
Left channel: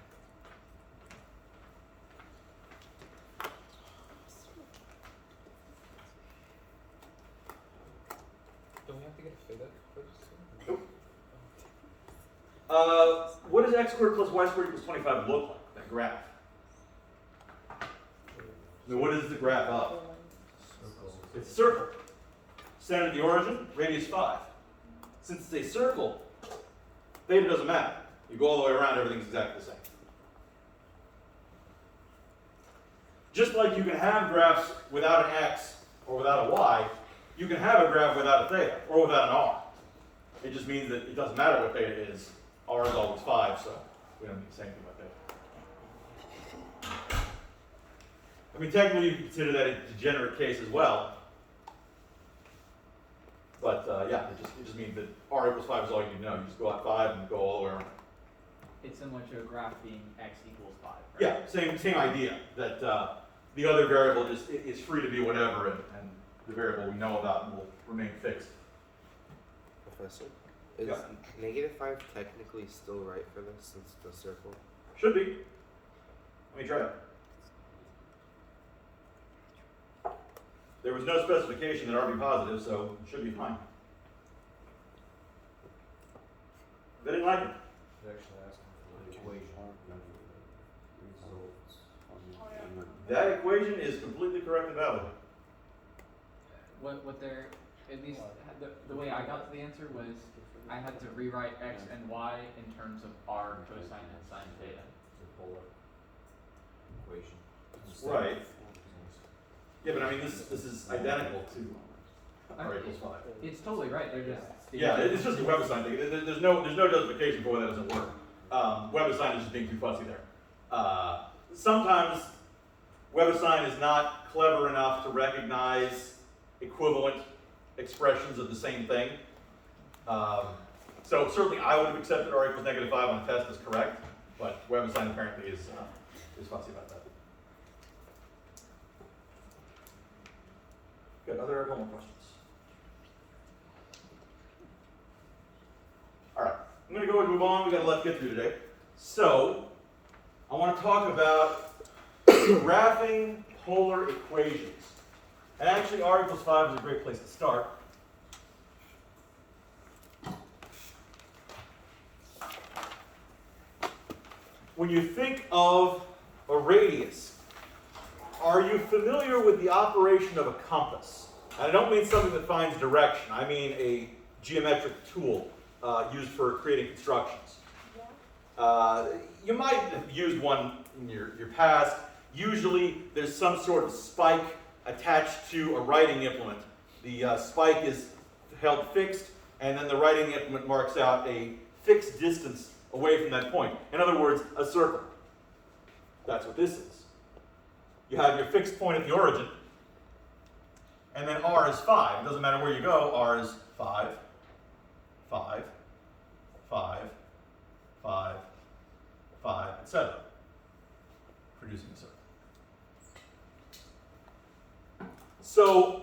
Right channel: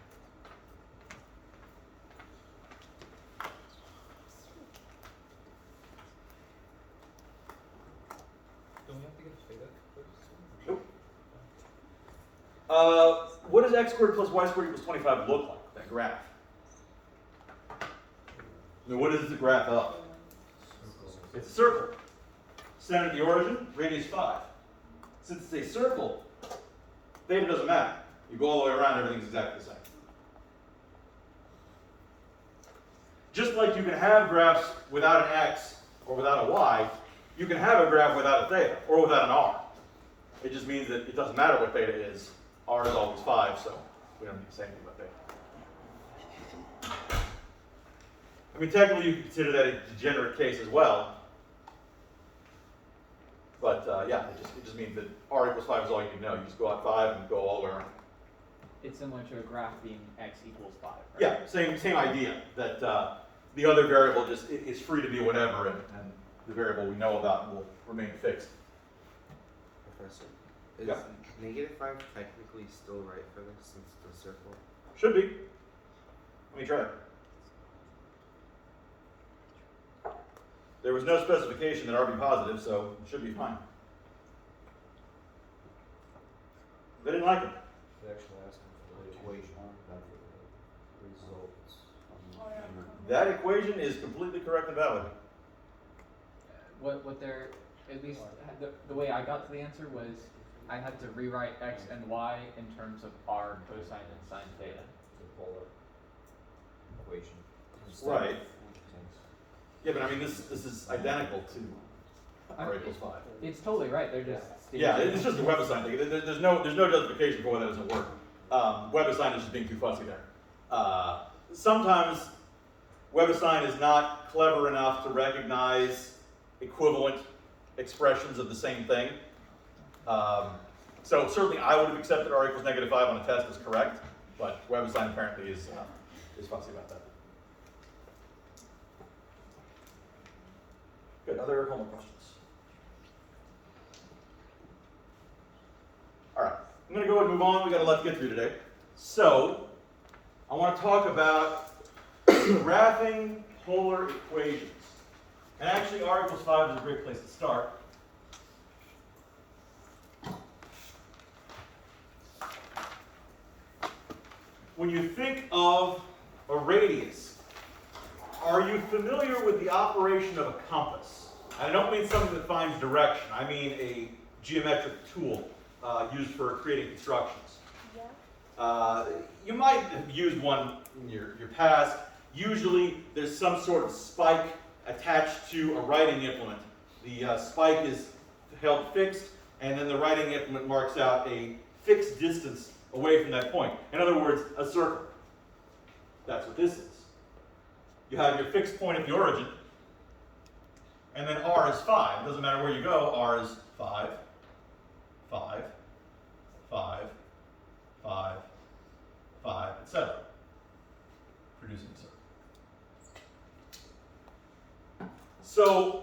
Don't we have to get a pivot first? Nope. What does x squared plus y squared equals 25 look like, that graph? I mean, what is the graph of? It's a circle. Center of the origin, radius 5. Since it's a circle, theta doesn't matter. You go all the way around, everything's exactly the same. Just like you can have graphs without an x or without a y, you can have a graph without a theta or without an r. It just means that it doesn't matter what theta is. R is always 5, so we don't need to say anything about theta. I mean, technically you can consider that a degenerate case as well. But yeah, it just means that r equals 5 is all you need to know. You just go out 5 and go all the way around. It's similar to a graph being x equals 5, right? Yeah, same idea. That the other variable just is free to be whatever, and the variable we know about will remain fixed. Professor, is Yeah. negative 5 technically still right for this since it's a circle? Should be. Let me try. There was no specification that r be positive, so it should be fine. They didn't like it. They're actually asking. that equation is completely correct and valid. What they're, at least the way I got to the answer was I had to rewrite x and y in terms of r cosine and sine theta. The polar equation. Right. Yeah, but I mean, this is identical to r equals 5. It's totally right. They're just Yeah, it's just a WebAssign thing. There's no justification for why that doesn't work. WebAssign is just being too fussy there. Sometimes WebAssign is not clever enough to recognize equivalent expressions of the same thing. So certainly I would have accepted r equals -5 on a test as correct, but WebAssign apparently is fussy about that. Good. Other homework questions? All right. I'm going to go and move on. We got a lot to get through today. So I want to talk about graphing polar equations. And actually, r equals 5 is a great place to start. When you think of a radius, are you familiar with the operation of a compass? And I don't mean something that finds direction. I mean a geometric tool used for creating constructions. You might have used one in your past. Usually there's some sort of spike attached to a writing implement. The spike is held fixed, and then the writing implement marks out a fixed distance away from that point. In other words, a circle. That's what this is. You have your fixed point at the origin, and then r is 5. It doesn't matter where you go, r is 5, 5, 5, 5, 5, etc. Producing a circle. So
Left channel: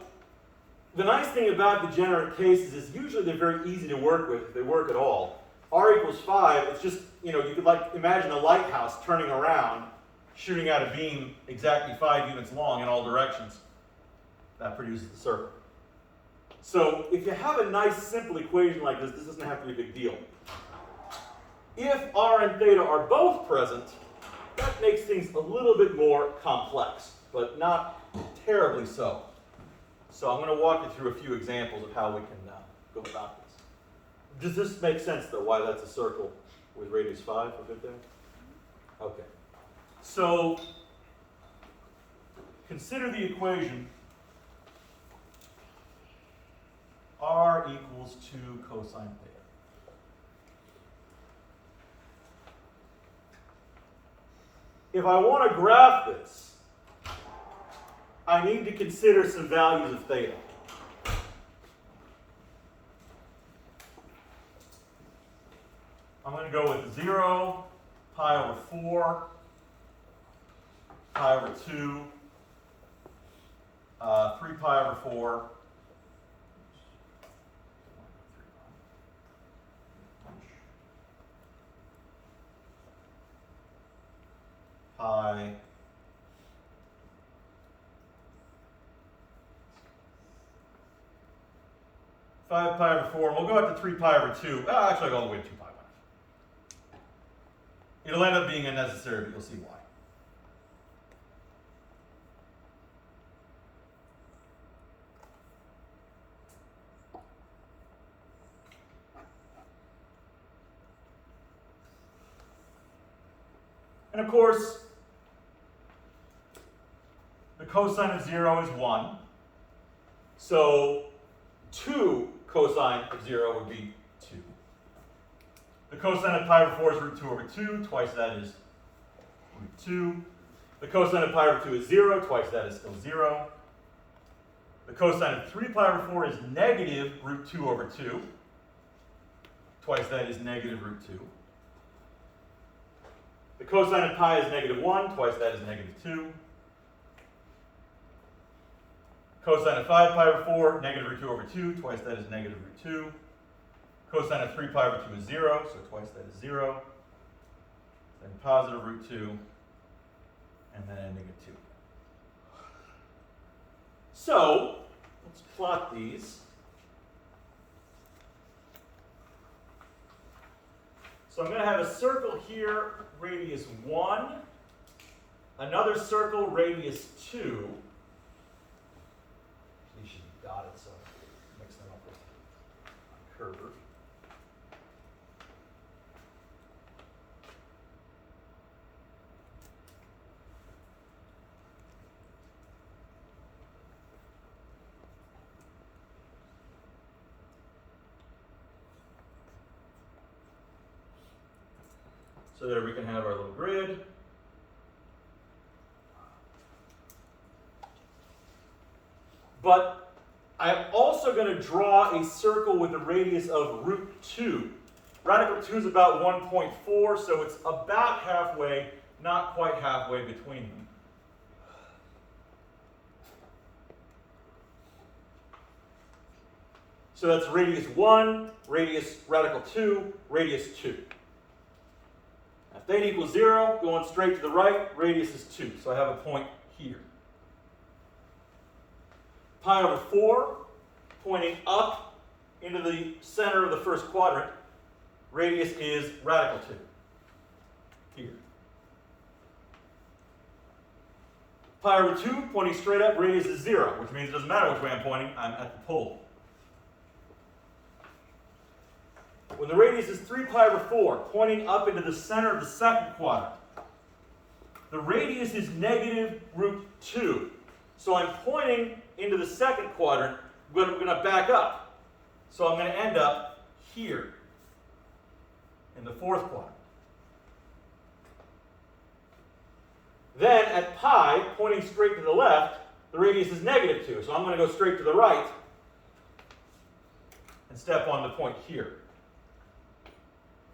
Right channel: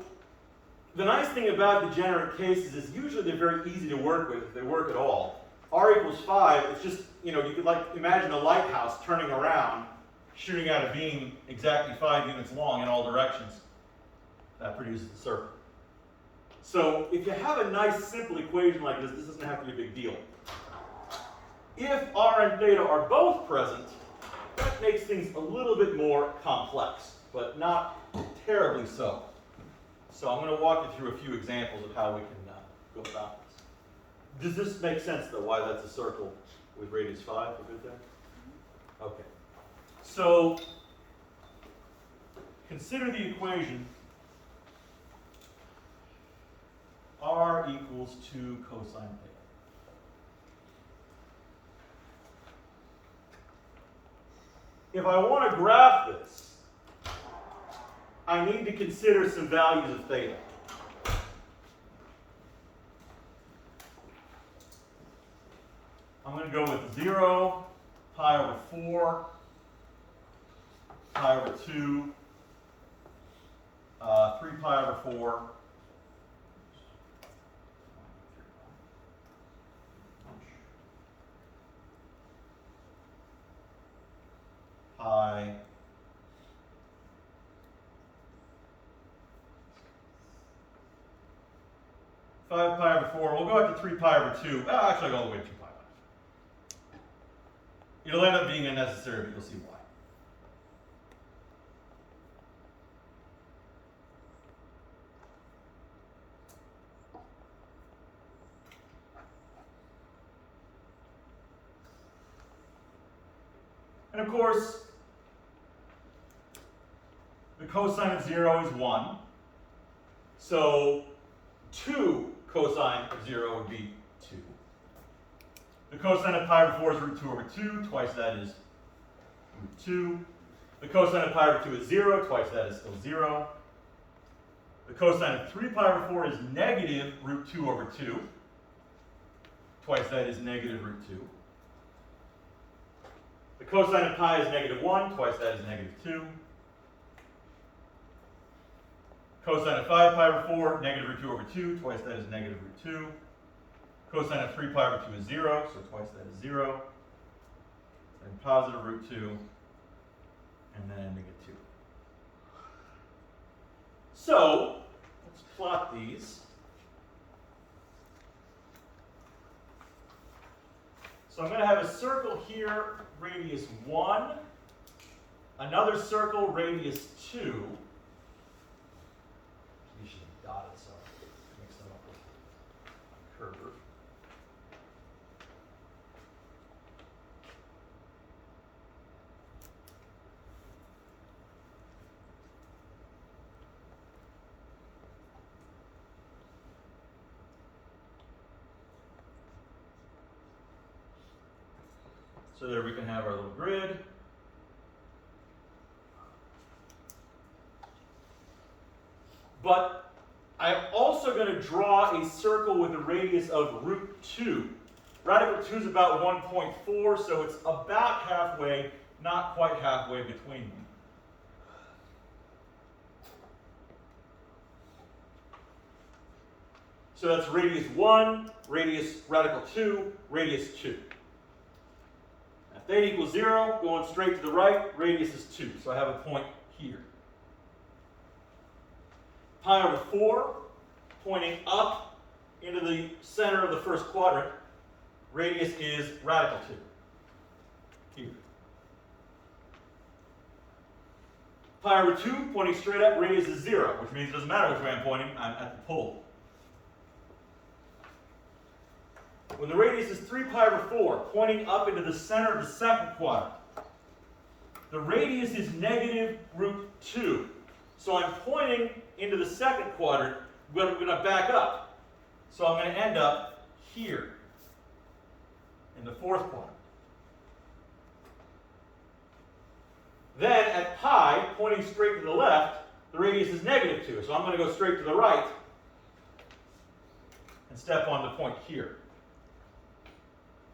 the nice thing about degenerate cases is usually they're very easy to work with if they work at all. R equals 5, it's just, you could imagine a lighthouse turning around, shooting out a beam exactly 5 units long in all directions. That produces a circle. So if you have a nice simple equation like this doesn't have to be a big deal. If r and theta are both present, that makes things a little bit more complex, but not terribly so. So I'm going to walk you through a few examples of how we can go about this. Does this make sense, though, why that's a circle with radius 5 for good there? Okay. So consider the equation r equals 2 cosine theta. If I want to graph this, I need to consider some values of theta. I'm going to go with 0, pi over 4, pi over 2, 3 pi over 4, pi, 5 pi over 4. We'll go up to 3 pi over 2. Actually, I'll go all the way to 2 pi. It'll end up being unnecessary, but you'll see why. And of course, the cosine of 0 is 1. So 2 cosine of 0 would be 2. The cosine of pi over 4 is root 2 over 2. Twice that is root 2. The cosine of pi over 2 is 0. Twice that is still 0. The cosine of 3 pi over 4 is negative root 2 over 2. Twice that is negative root 2. The cosine of pi is negative 1. Twice that is negative 2. Cosine of 5 pi over 4, negative root 2 over 2. Twice that is negative root 2. Cosine of 3 pi over 2 is 0, so twice that is 0. Then positive root 2, and then a negative 2. So, let's plot these. So I'm going to have a circle here, radius 1, another circle, radius 2. You should dot it so mix them up with Curve. So there we can have our little grid. But I'm also going to draw a circle with a radius of root 2. Radical 2 is about 1.4, so it's about halfway, not quite halfway between. So that's radius 1, radius radical 2, radius 2. Now, theta equals 0, going straight to the right, radius is 2, so I have a point here. Pi over 4, pointing up into the center of the first quadrant, radius is radical 2, here. Pi over 2, pointing straight up, radius is 0, which means it doesn't matter which way I'm pointing, I'm at the pole. When the radius is 3 pi over 4, pointing up into the center of the second quadrant, the radius is negative root 2. So I'm pointing into the second quadrant, but I'm going to back up. So I'm going to end up here in the fourth quadrant. Then at pi, pointing straight to the left, the radius is negative 2. So I'm going to go straight to the right and step on the point here.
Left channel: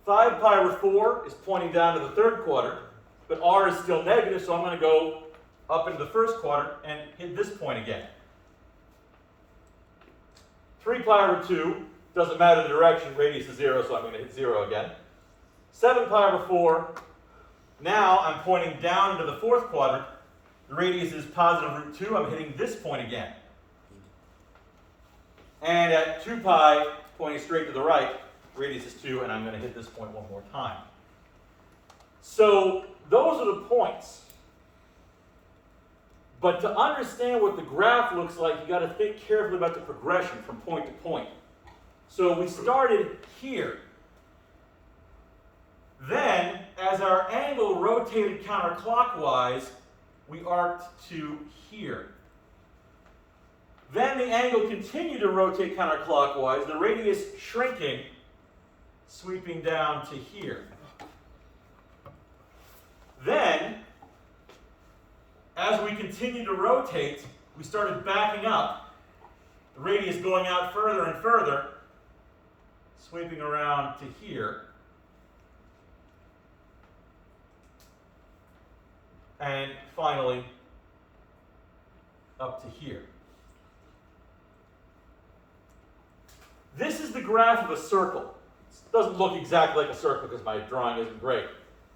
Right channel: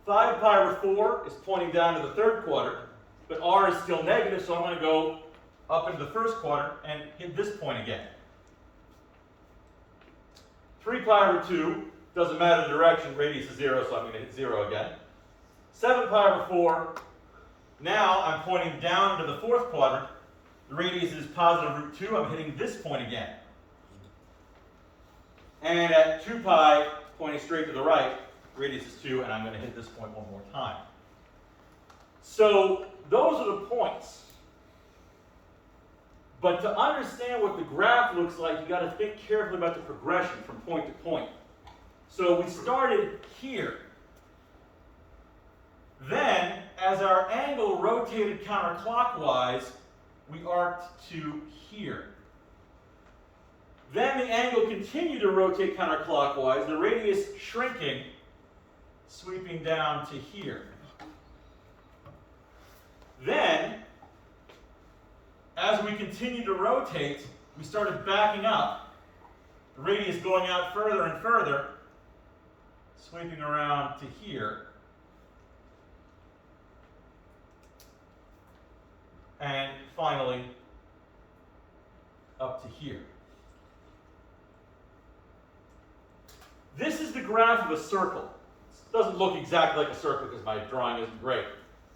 5 pi over 4 is pointing down to the third quadrant, but r is still negative, so I'm going to go up into the first quadrant and hit this point again. 3 pi over 2, doesn't matter the direction, radius is 0, so I'm going to hit 0 again. 7 pi over 4, now I'm pointing down into the fourth quadrant. The radius is positive root 2, I'm hitting this point again. And at 2 pi, pointing straight to the right, radius is 2, and I'm going to hit this point one more time. So those are the points. But to understand what the graph looks like, you've got to think carefully about the progression from point to point. So we started here. Then, as our angle rotated counterclockwise, we arced to here. Then the angle continued to rotate counterclockwise, the radius shrinking, sweeping down to here. Then, as we continued to rotate, we started backing up, the radius going out further and further, sweeping around to here. And finally, up to here. This is the graph of a circle. It doesn't look exactly like a circle because my drawing isn't great,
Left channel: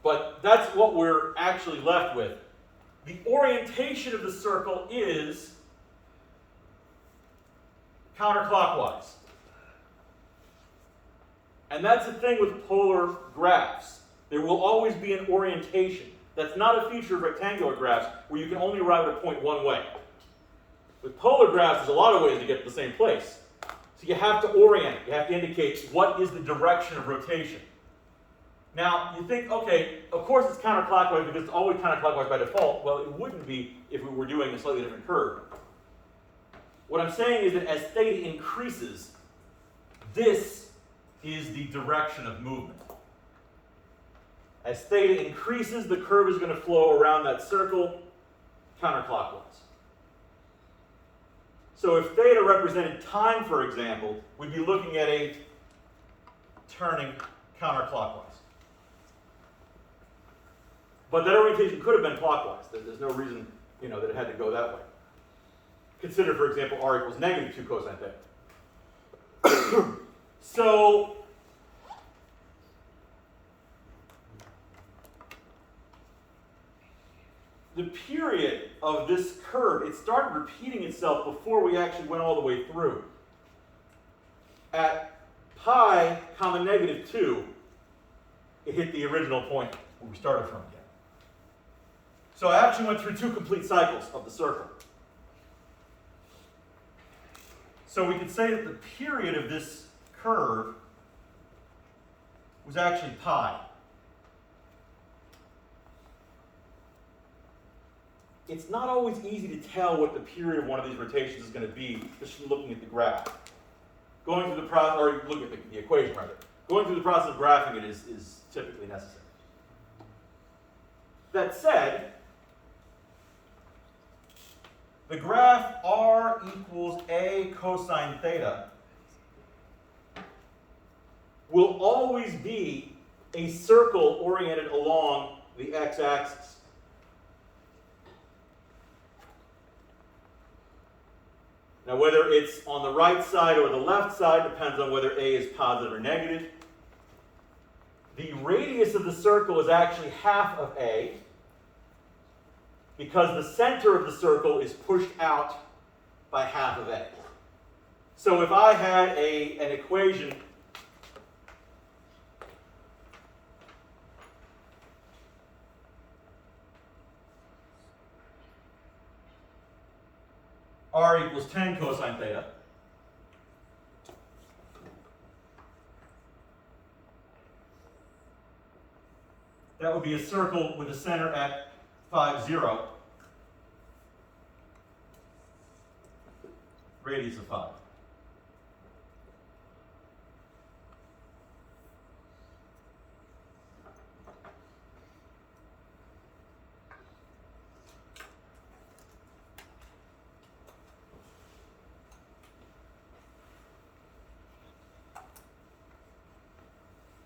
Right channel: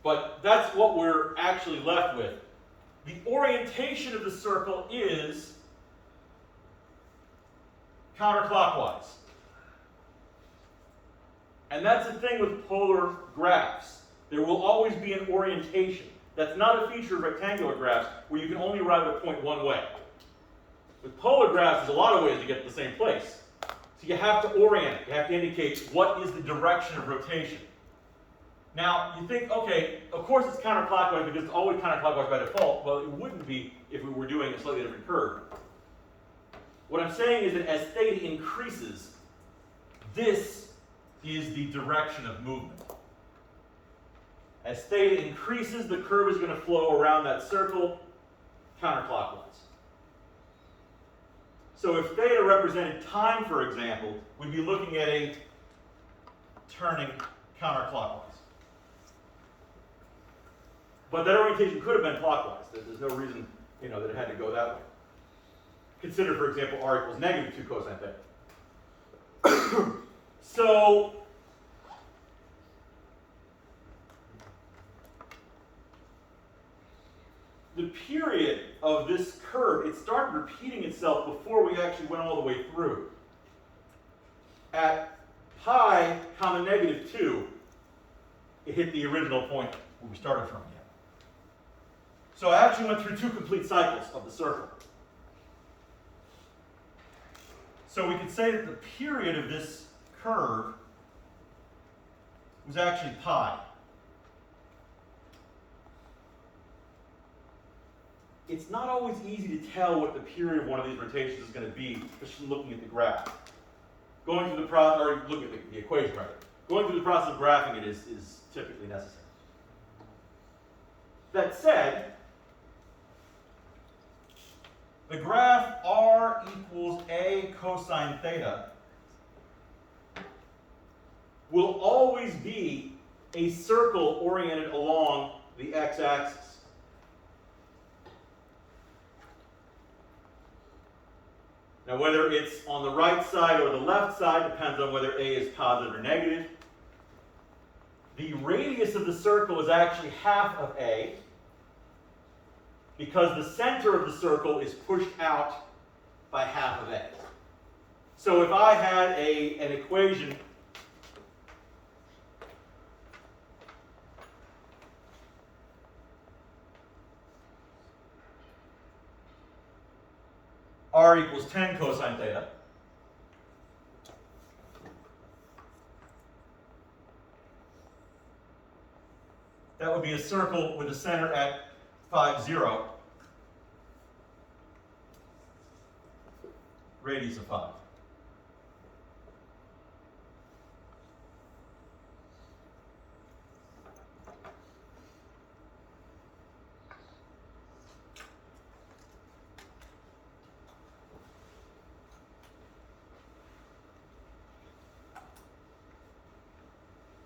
but that's what we're actually left with. The orientation of the circle is counterclockwise. And that's the thing with polar graphs. There will always be an orientation. That's not a feature of rectangular graphs where you can only arrive at a point one way. With polar graphs, there's a lot of ways to get to the same place. So you have to orient it. You have to indicate what is the direction of rotation. Now, you think, okay, of course it's counterclockwise because it's always counterclockwise by default. Well, it wouldn't be if we were doing a slightly different curve. What I'm saying is that as theta increases, this is the direction of movement. As theta increases, the curve is going to flow around that circle counterclockwise. So if theta represented time, for example, we'd be looking at a turning counterclockwise. But that orientation could have been clockwise. There's no reason, that it had to go that way. Consider, for example, r equals negative 2 cosine theta. So the period of this curve, it started repeating itself before we actually went all the way through. At pi comma negative 2, it hit the original point where we started from again. So I actually went through 2 complete cycles of the circle. So we could say that the period of this curve was actually pi. It's not always easy to tell what the period of one of these rotations is going to be just from looking at the graph. Going through the process, or looking at the equation, right? Going through the process of graphing it is typically necessary. That said, the graph r equals a cosine theta will always be a circle oriented along the x-axis. Now, whether it's on the right side or the left side depends on whether a is positive or negative. The radius of the circle is actually half of a, because the center of the circle is pushed out by half of a. So if I had an equation r equals 10 cosine theta, that would be a circle with a center at 5, 0, radius of 5.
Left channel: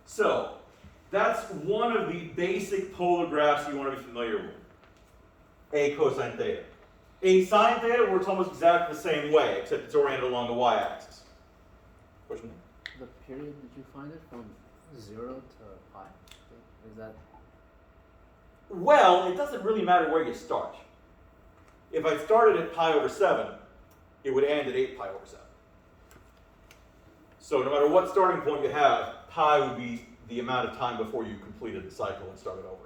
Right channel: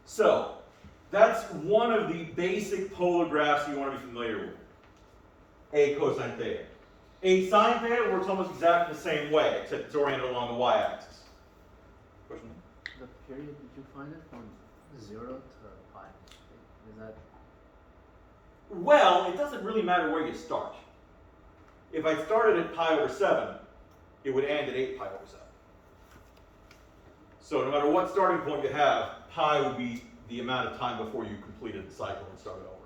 So, that's one of the basic polar graphs you want to be familiar with. A cosine theta. A sine theta works almost exactly the same way, except it's oriented along the y-axis. Question? The period, did you find it from 0 to pi? Is that? Well, it doesn't really matter where you start. If I started at pi over 7, it would end at 8 pi over 7. So no matter what starting point you have, pi would be the amount of time before you completed the cycle and started over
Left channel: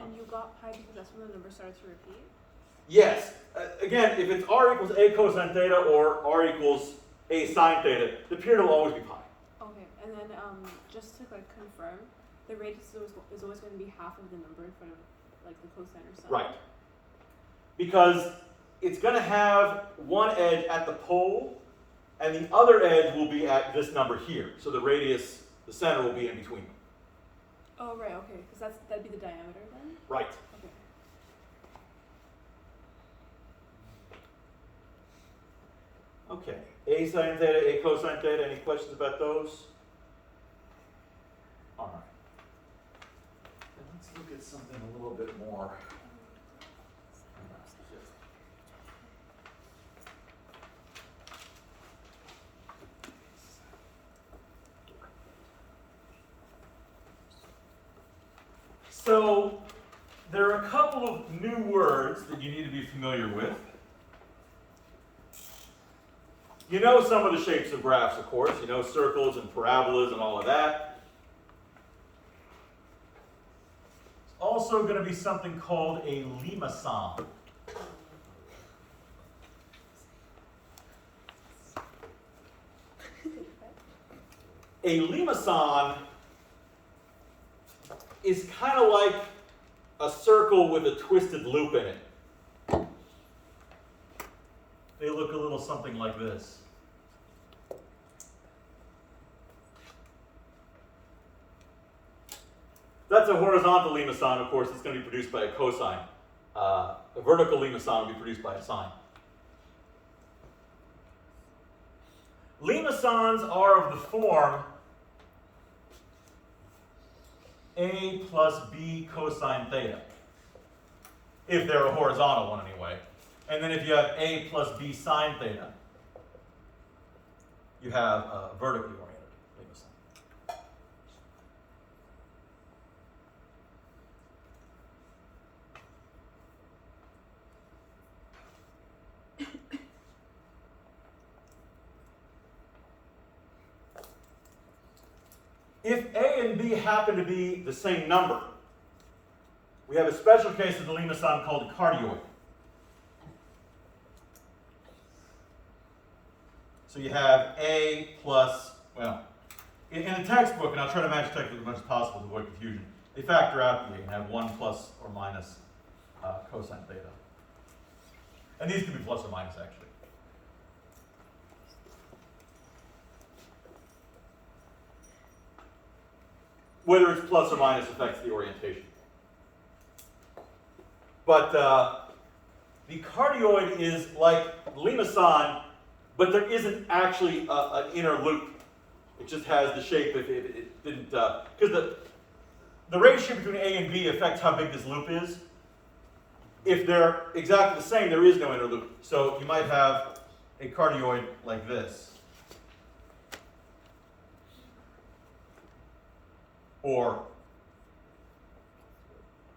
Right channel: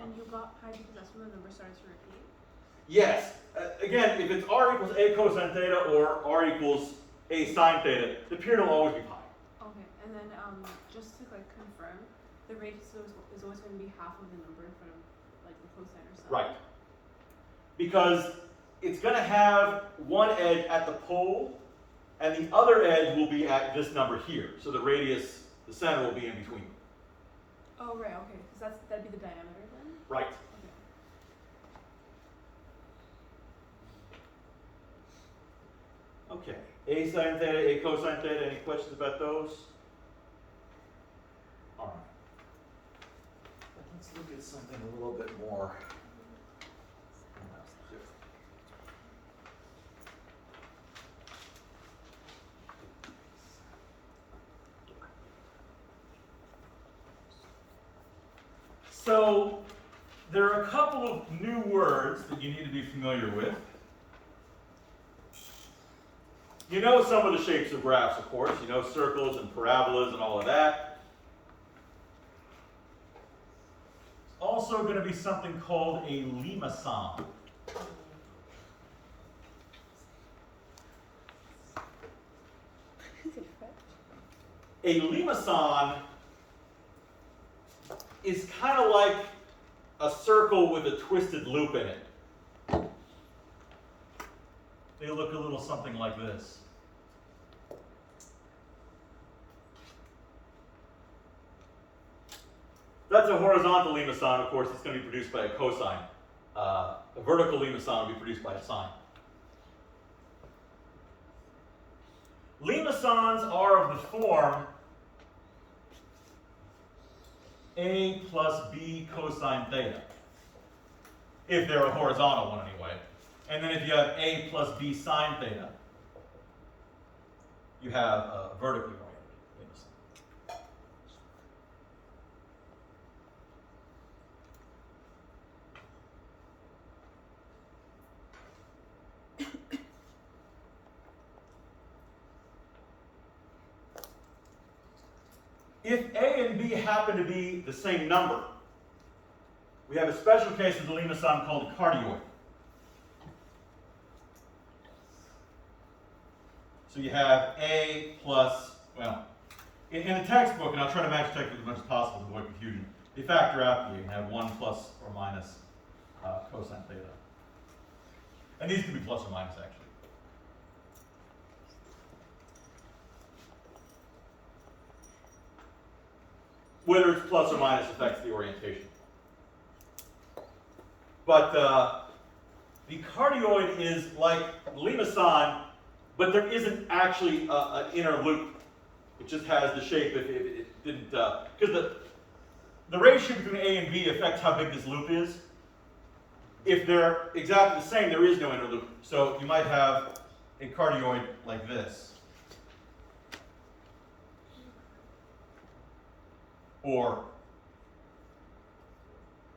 again. And you got pi because that's when the number starts to repeat? Yes. Again, if it's r equals a cosine theta or r equals a sine theta, the period will always be pi. Okay, and then just to like confirm, the radius is always going to be half of the number in front of like the cosine or sine. Right. Because it's going to have one edge at the pole, and the other edge will be at this number here. So the radius, the center will be in between them. Oh right, okay, because that'd be the diameter then. Right. Okay. Okay. A sine theta, a cosine theta. Any questions about those? All right. Let's look at something a little bit more. So, there are a couple of new words that you need to be familiar with. You know some of the shapes of graphs, of course. You know circles and parabolas and all of that. It's also going to be something called a limaçon. A limaçon is kind of like a circle with a twisted loop in it. They look a little something like this. That's a horizontal limaçon, of course. It's going to be produced by a cosine. A vertical limaçon will be produced by a sine. Limaçons are of the form a plus b cosine theta, if they're a horizontal one anyway. And then if you have a plus b sine theta, you have a vertically oriented limaçon. If a and b happen to be the same number, we have a special case of the limaçon called a cardioid. So you have A plus, well, in the textbook, and I'll try to match text as much as possible to avoid confusion, they factor out that you can have 1 plus or minus cosine theta. And these can be plus or minus, actually. Whether it's plus or minus affects the orientation. But the cardioid is like limaçon, but there isn't actually an inner loop. It just has the shape if it didn't, because the ratio between A and B affects how big this loop is. If they're exactly the same, there is no inner loop. So you might have a cardioid like this. Or,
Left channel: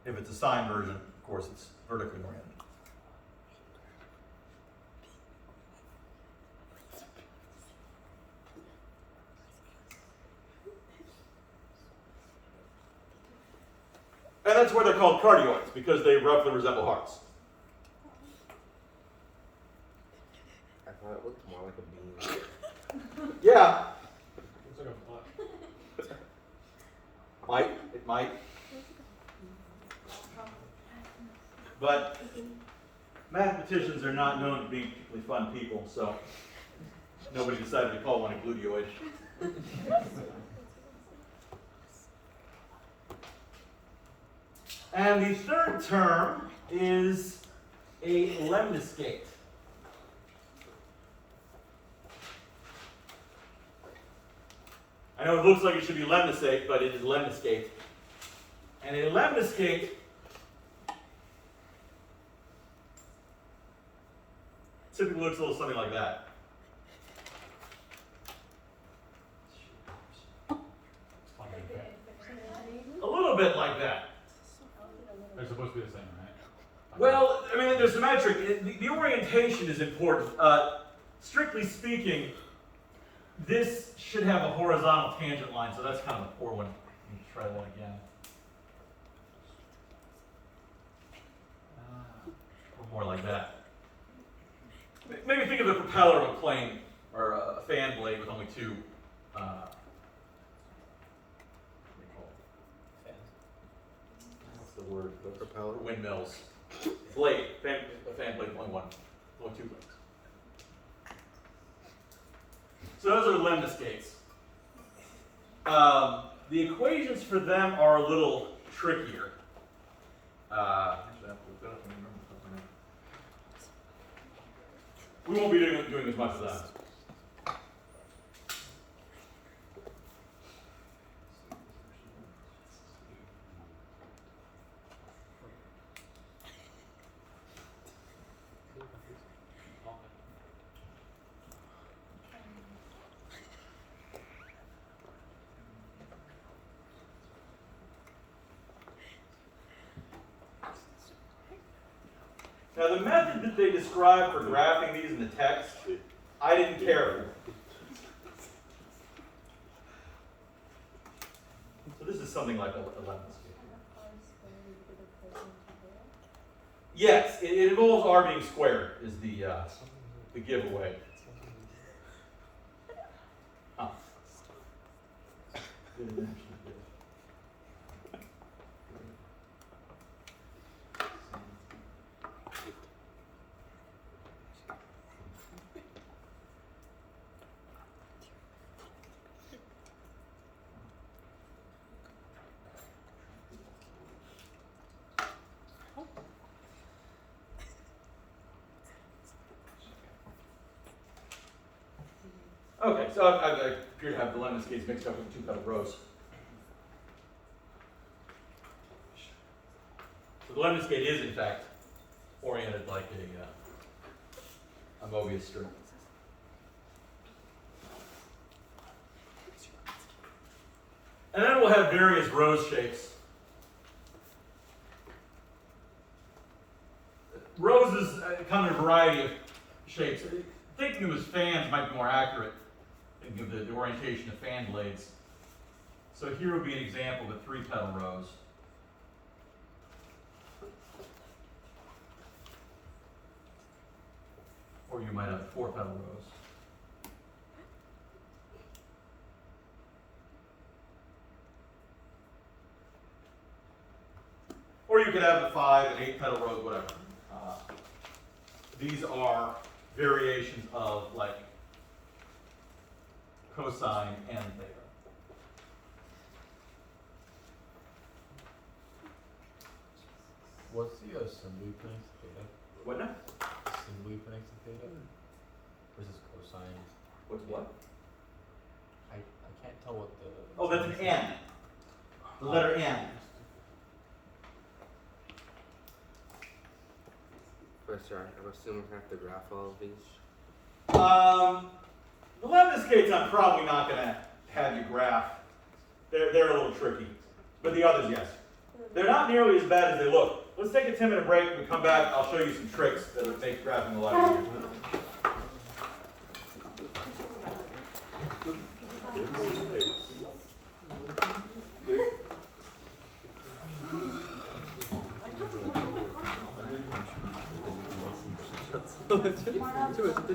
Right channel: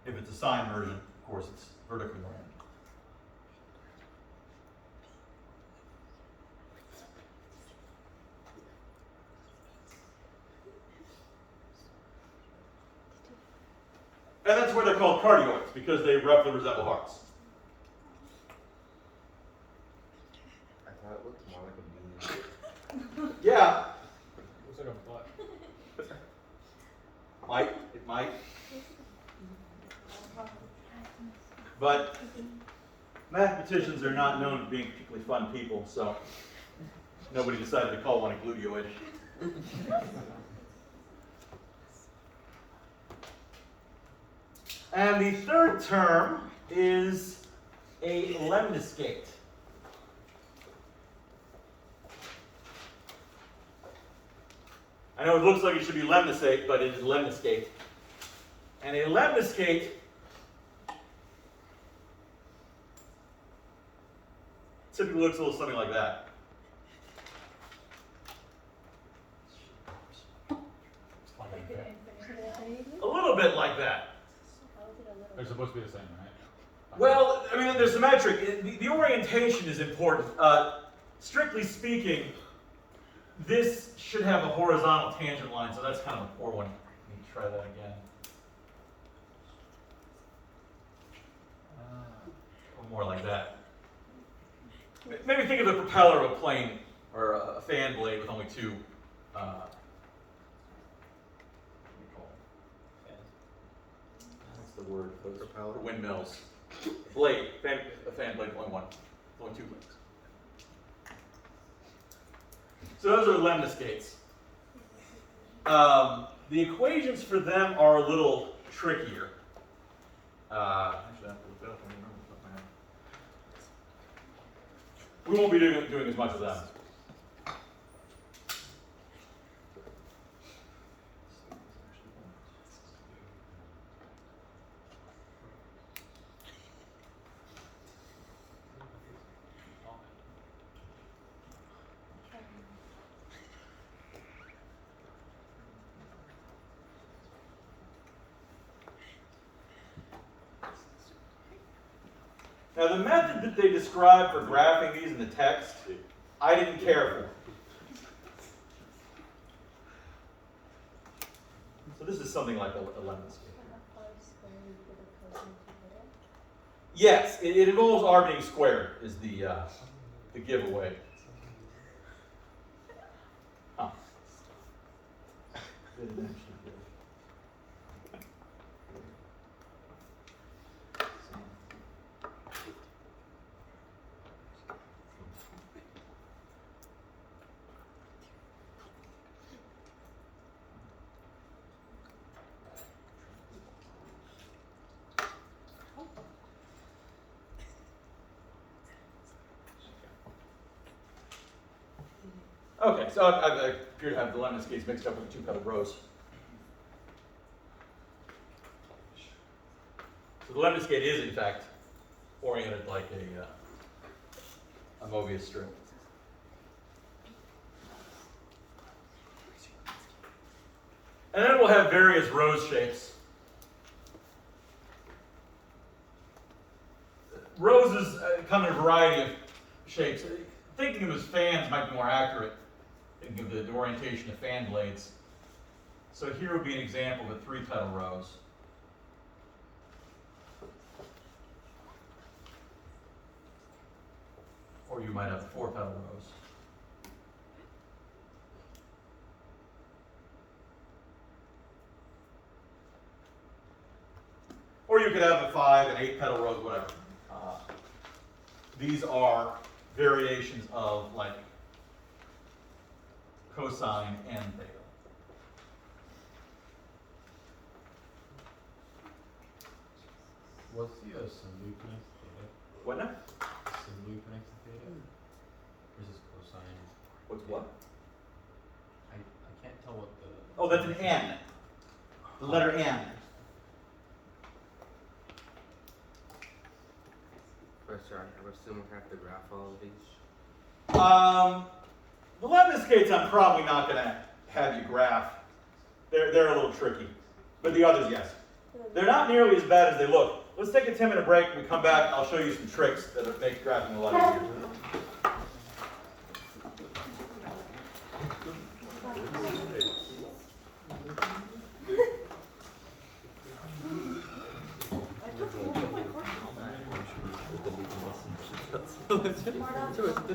if it's a sine version, of course, it's vertically oriented. And that's why they're called cardioids, because they roughly resemble hearts. I thought it looked more like a bean. Yeah, Looks like a butt. it might. But mathematicians are not known for being particularly fun people, so nobody decided to call one a gluteoid. And the third term is a lemniscate. I know it looks like it should be lemniscate, but it is lemniscate. And a lemniscate typically looks a little something like that. A little bit like that. They're supposed to be the same, right? Well, I mean, they're symmetric. The orientation is important. Strictly speaking, this should have a horizontal tangent line, so that's kind of a poor one. Let me try that again. Or more like that. Maybe think of the propeller of a plane or a fan blade with only two. What's the word? Propeller? For windmills. Blade. A fan blade, only one. Only two blades. So those are lemniscates. The equations for them are a little trickier. Actually, I have to look that up. We won't be doing as much of that. Now, the method that they describe for graphing these in the text, I didn't care for. So this is something like a lemniscate. Yes, it involves r being squared is the giveaway. Huh. Okay, so I appear to have the lemniscates mixed up with the two-petal rows. So the lemniscate is, in fact, oriented like a Mobius strip. And then we'll have various rose shapes. Roses come in a variety of shapes. Thinking of them as fans might be more accurate. Thinking of the orientation of fan blades. So here would be an example of a three-petal rose. or you might have 4 petal rows. Or you could have a 5 and 8 petal rows, whatever. These are variations of like cosine and theta. What's the absolute length of theta? What now? Absolute length of theta versus cosine. What's what? I can't tell what the. Oh, that's an N. The letter N. Professor, I'm assuming I have to graph all of these. The lemniscates I'm probably not going to have you graph. They're a little tricky. But the others, yes. They're not nearly as bad as they look. Let's take a 10-minute break. When we come back, I'll show you some tricks that make graphing a lot easier.